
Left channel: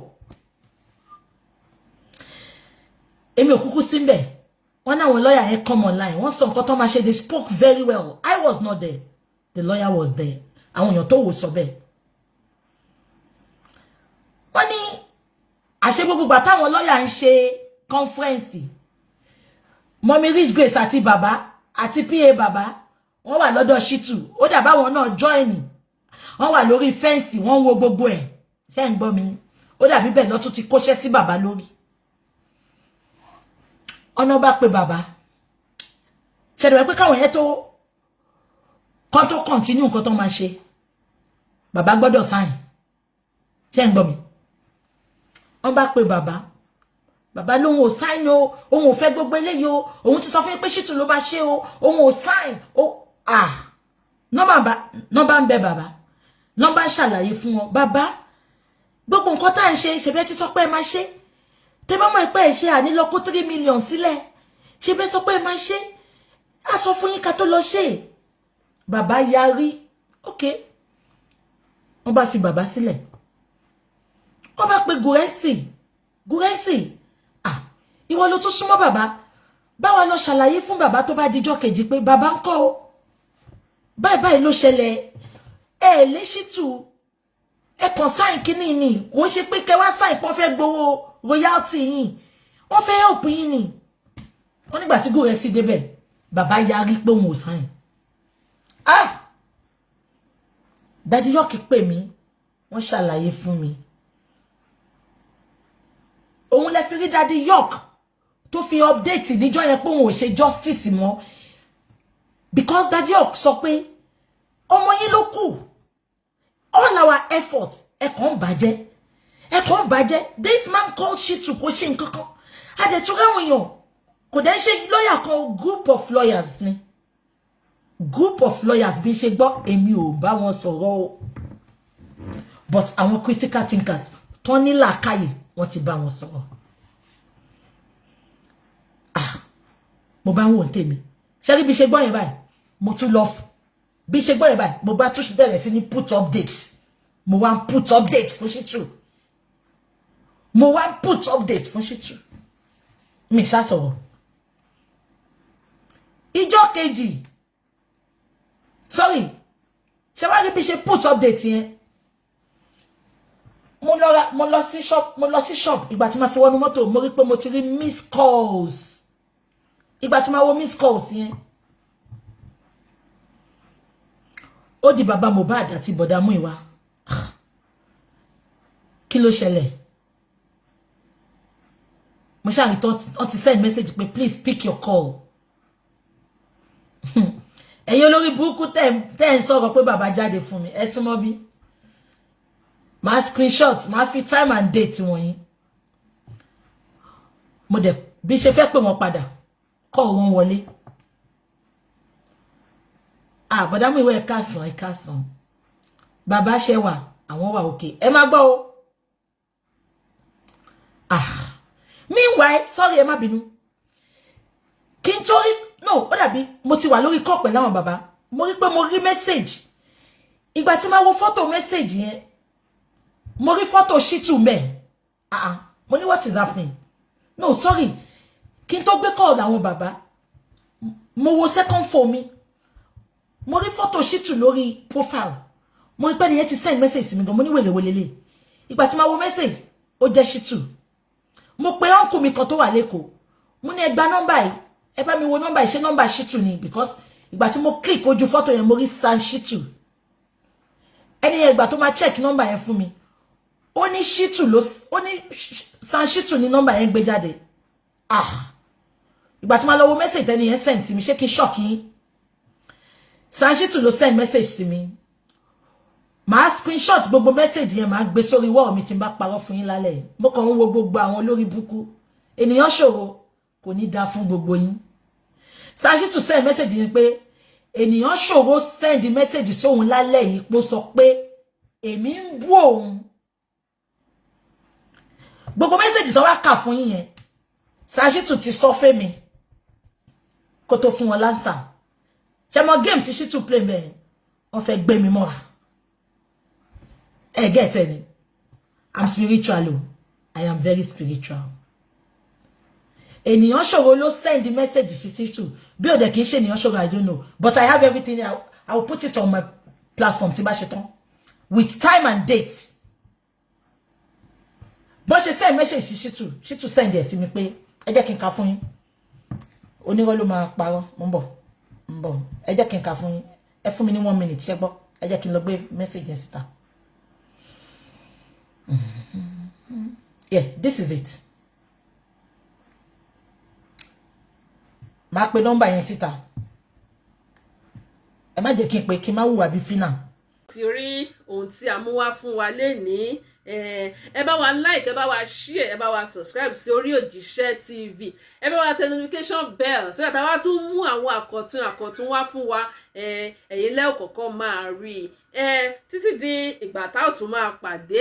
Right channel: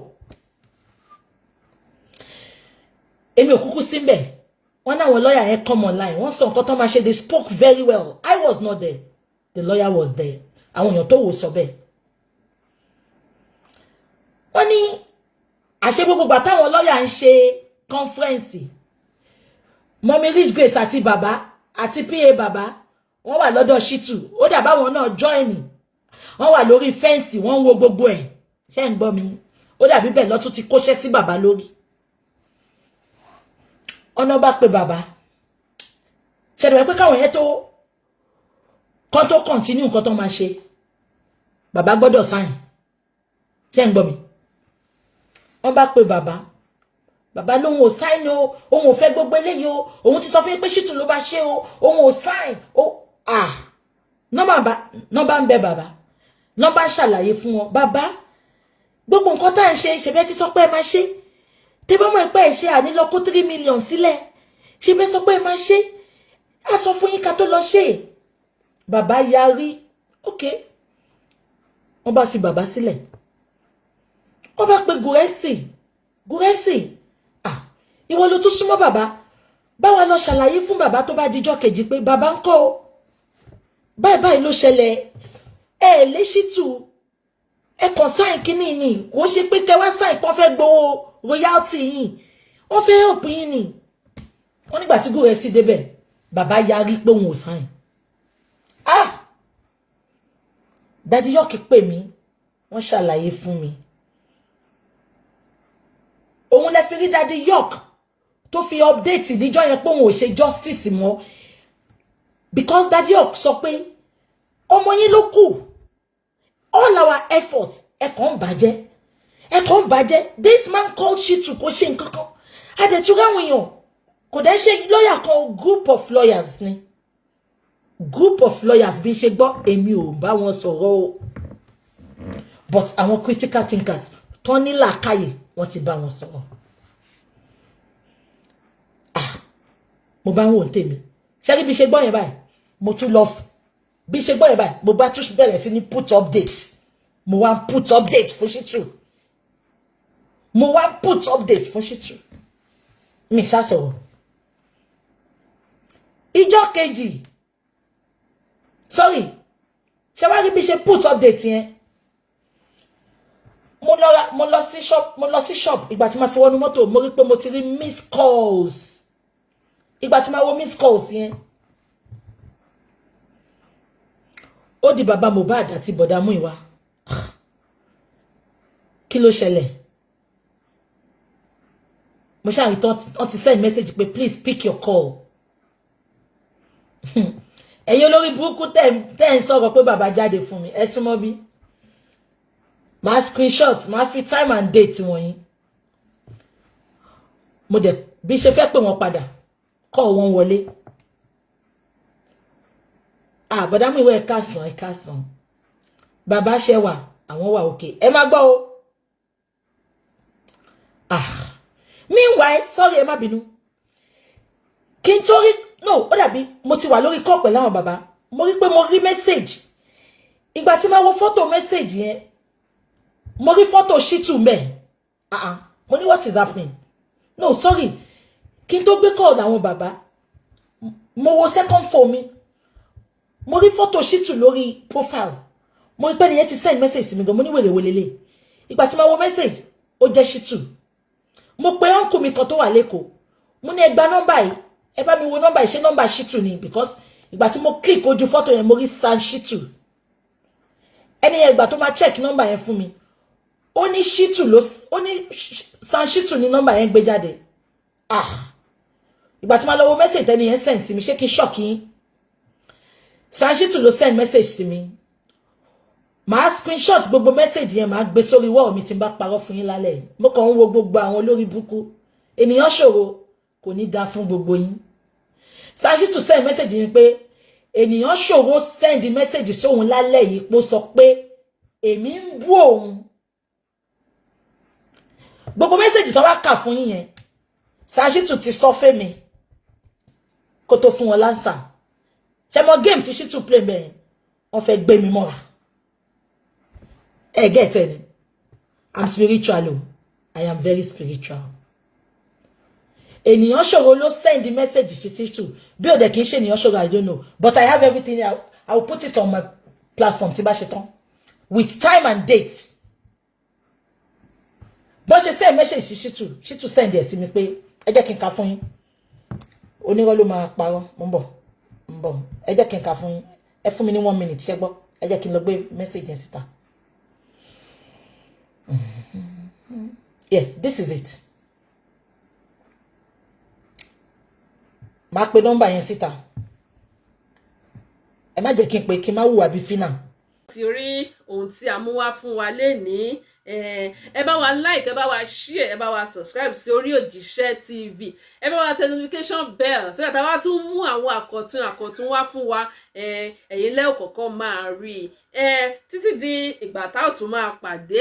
èmi ò kúkú sí ńbẹ̀ wọ́n ní àwọn lawyer yẹn come online wọ́n sọ nǹkan tó máa ṣe they spoke very well I was not there the lawyer was there àwọn èèyàn tó wò sọ bẹ́ẹ̀ wọ́n ní àṣẹ gbogbo gbà táwọn lawyer ń ṣe conference Mommy Rich Grace àti bàbá àti PA bàbá wọ́n wà lọ́dọ̀ Shittu ó dà báwọn náà join wọ́n wà lórí fẹ́ǹsì wọ́n wo gbogbo ẹ̀ ṣé ń gbọ́ mi ó dà bí bẹ́ẹ̀ lọ tún ti kóṣẹ́ sí bàbá lórí ọ̀nà bá pè bàbá ṣẹ̀dọ̀ pé káwọn yẹn tó continue nǹkan tó máa ṣe bàbá gbọ́dọ̀ sign ṣé ń gbọ́ mi wọ́n bá pè bàbá lóhun ò sign o òun ò fẹ́ gbogbo eléyìí o òun ti sọ fún yín pé Shittu ló bá ṣe o òun ò sign o nọ́mbà ń bẹ bàbá nọ́mbà ń ṣàlàyé fún wọn bàbá gbogbo nǹkan tá à ń ṣe ṣèbẹ́ ti sọ pé ẹ máa ṣe tẹ bá mọ̀ pé ẹ ṣe ànílọ kó 3 million sílẹ̀ ṣèbẹ́ sọ pé ẹ máa ṣe á sọ fún yín ká tó lọ ṣe bàbá yarí ok wọ́n bá fi bàbá sílẹ̀ wọ́n bá pe Gúrẹ́sì ìwọ ló tún súnmọ́ bàbá báwa lọ ṣàlàyé fún bàbá tó bá dijọ́ kejì pé bàbá ń kọ́ o báyìí ló ṣẹlẹ̀ ẹ lé Shittu ẹ kàn sáìn kínní ni kò ṣe pé kẹwàá sáìn kan fẹ́ gbowó royalty yìí wọ́n fẹ́ help yín ni wọ́n nígbà tí Gúrẹ́sì débẹ̀ bàbá yarí pé òun ò sáìn Daddy York pè mí wọ́n ṣàlàyé fún mi òun lè fi rí Daddy York tó fi update níjọ́ yẹn pé òun ò ṣe justice mọ́ because Daddy York sọ pé ọmọ yín ló kù all our efforts ẹ kàn bàjẹ́ this man called Shittu kò ṣe nǹkan kan adẹ̀túrà àwọn èèyàn kò dẹ̀ ṣe lọ́yà kan group of lawyers ni group of lawyers bí ṣe gbọ́ èmi ò bá wọn sọ̀rọ̀ o but àwọn critical thinkers tó ní làákàyè wọ́n ti bá wọn sọ̀rọ̀ mo bá ń wò tèmi Ṣé bí ṣe gbọ́ yẹn báyìí mo tún lọ bí ṣe gbọ́ yẹn báyìí mo bá tún bẹ̀rẹ̀ sí ní put update mo wá put update fún Shitu mo wá put update fún Shitu mi ṣá sọ̀rọ̀ ìjọ́ kejì sorry ṣé wá rí bí ṣe put update yẹn mo lọ sí shop ìgbà tí ma fi wọnú mọ́tò mo rí pé mo ti rí miss calls ìgbà tí ma wo miss calls yẹn ó di bàbá Mohbad àti bọ̀dá Múyìwá kí ló ṣẹlẹ̀ mo ṣáà rí tán ti send message pé please pick your call ẹ̀yin olórí burúkú tẹ́ ń sọ̀rọ̀ pé bàbá jáde fún mi ẹ súnmọ́ bí máa screenshot máa fi time and date wọ̀nyí mo dẹ̀ bí ṣe fẹ́ pè wọ́n padà call wọn wọlé bọ̀dá Múyìwá ẹ káàsán bàbá ṣẹwà àwọn wà òkè ẹ má gbọ́ o meanwhile sorry ẹ má bínú kí n tó rí no ó dàbí mo ti wà lórí call pẹ̀lú àwọn bàbá mo rí pé mo rí message ìgbà tí ma wo photo message yẹn mo rí photo Shitu ńbẹ̀ mo ní what is happening no sorry kí n tó gbé call àwọn bàbá mo wo second phone mi mo rí photo Shitu lórí profile mo rí pé nìyẹn ti send message sí mi gan mo ní wèrè wèlélẹ̀ ìgbà tí ma wo message ó jẹ́ Shitu mo pe uncle mi kan tó wà lẹ́kọ̀ọ́ mo ní ẹ gba number yìí ẹ bá mi wo number yìí ṣé number Shitu ni because ìgbà tí mo click ojú photo yẹn mo rí San Shitu ẹni yẹn ìgbà tó máa check number yẹn fún mi ó ní Shitu ló ó ní San Shitu ni number yẹn gbé jáde ìgbà tí ma lọ wo message tẹ́ni yẹn send sí mi ṣé kí n shock yín San Shitu ló send message sí mi màá screenshot gbogbo message yẹn màá gbé sórí wall mi tí n bá parọ́ fún yín lálẹ́ mo kàn ń wo gbogbo àwọn olórí burúkú ènìyàn ṣòro kò ní dá fún gbogbo yín San Shitu send message yẹn pé ènìyàn ṣòro send message sóhun lálẹ́ yìí pé ó sọ pé èmi ń bú òun gbogbo message tó wá kà fún yín yẹn San Shitu ti sọ fẹ́ mi kó tó fún wọn lánsà ṣé mo game tí Shitu play bẹ́ẹ̀ wọ́n fẹ́ gbé mi mọ́ra get any I'm spiritual I am very spiritual ènìyàn ṣòro ló send the message sí Shitu bí ó dẹ̀ kìí ṣe ènìyàn ṣòro I don't know but I have everything I will put it on my platform tí bá ṣe tán with time and date bó ṣe send message sí Shitu send ẹ̀ sí mi pé ẹ jẹ́ kí n kà fún yín onírọ́ ló máa parọ́ mo ń bọ̀ ẹ jẹ́ kí n kà fún yín ẹ fún mi ní 1 minute ṣé gbọ́ ẹ jẹ́ kí n lọ gbé message yẹn síta. Yeah, this is it. Má pe number yẹn síta. Ẹ má jẹ́ kí n pè kí n má hùwà bí fínà. Ti rí ohun tí a mú wá fún wa lénìí ẹ bá wa like ẹ bá wa share ẹ bá wa subscribe sí Orí Òjíṣẹ́ TV ẹ bá wa tẹ notification bell so that a bá tún mú àwọn àkọ̀tun wá fún wa ẹ̀yin lẹ́ kọ́kọ́ máa rí títí di ìgbà tá ó tún máa pàdé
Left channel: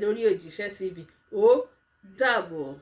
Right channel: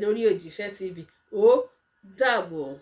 lórí Òjíṣẹ́ TV ó dàbọ̀.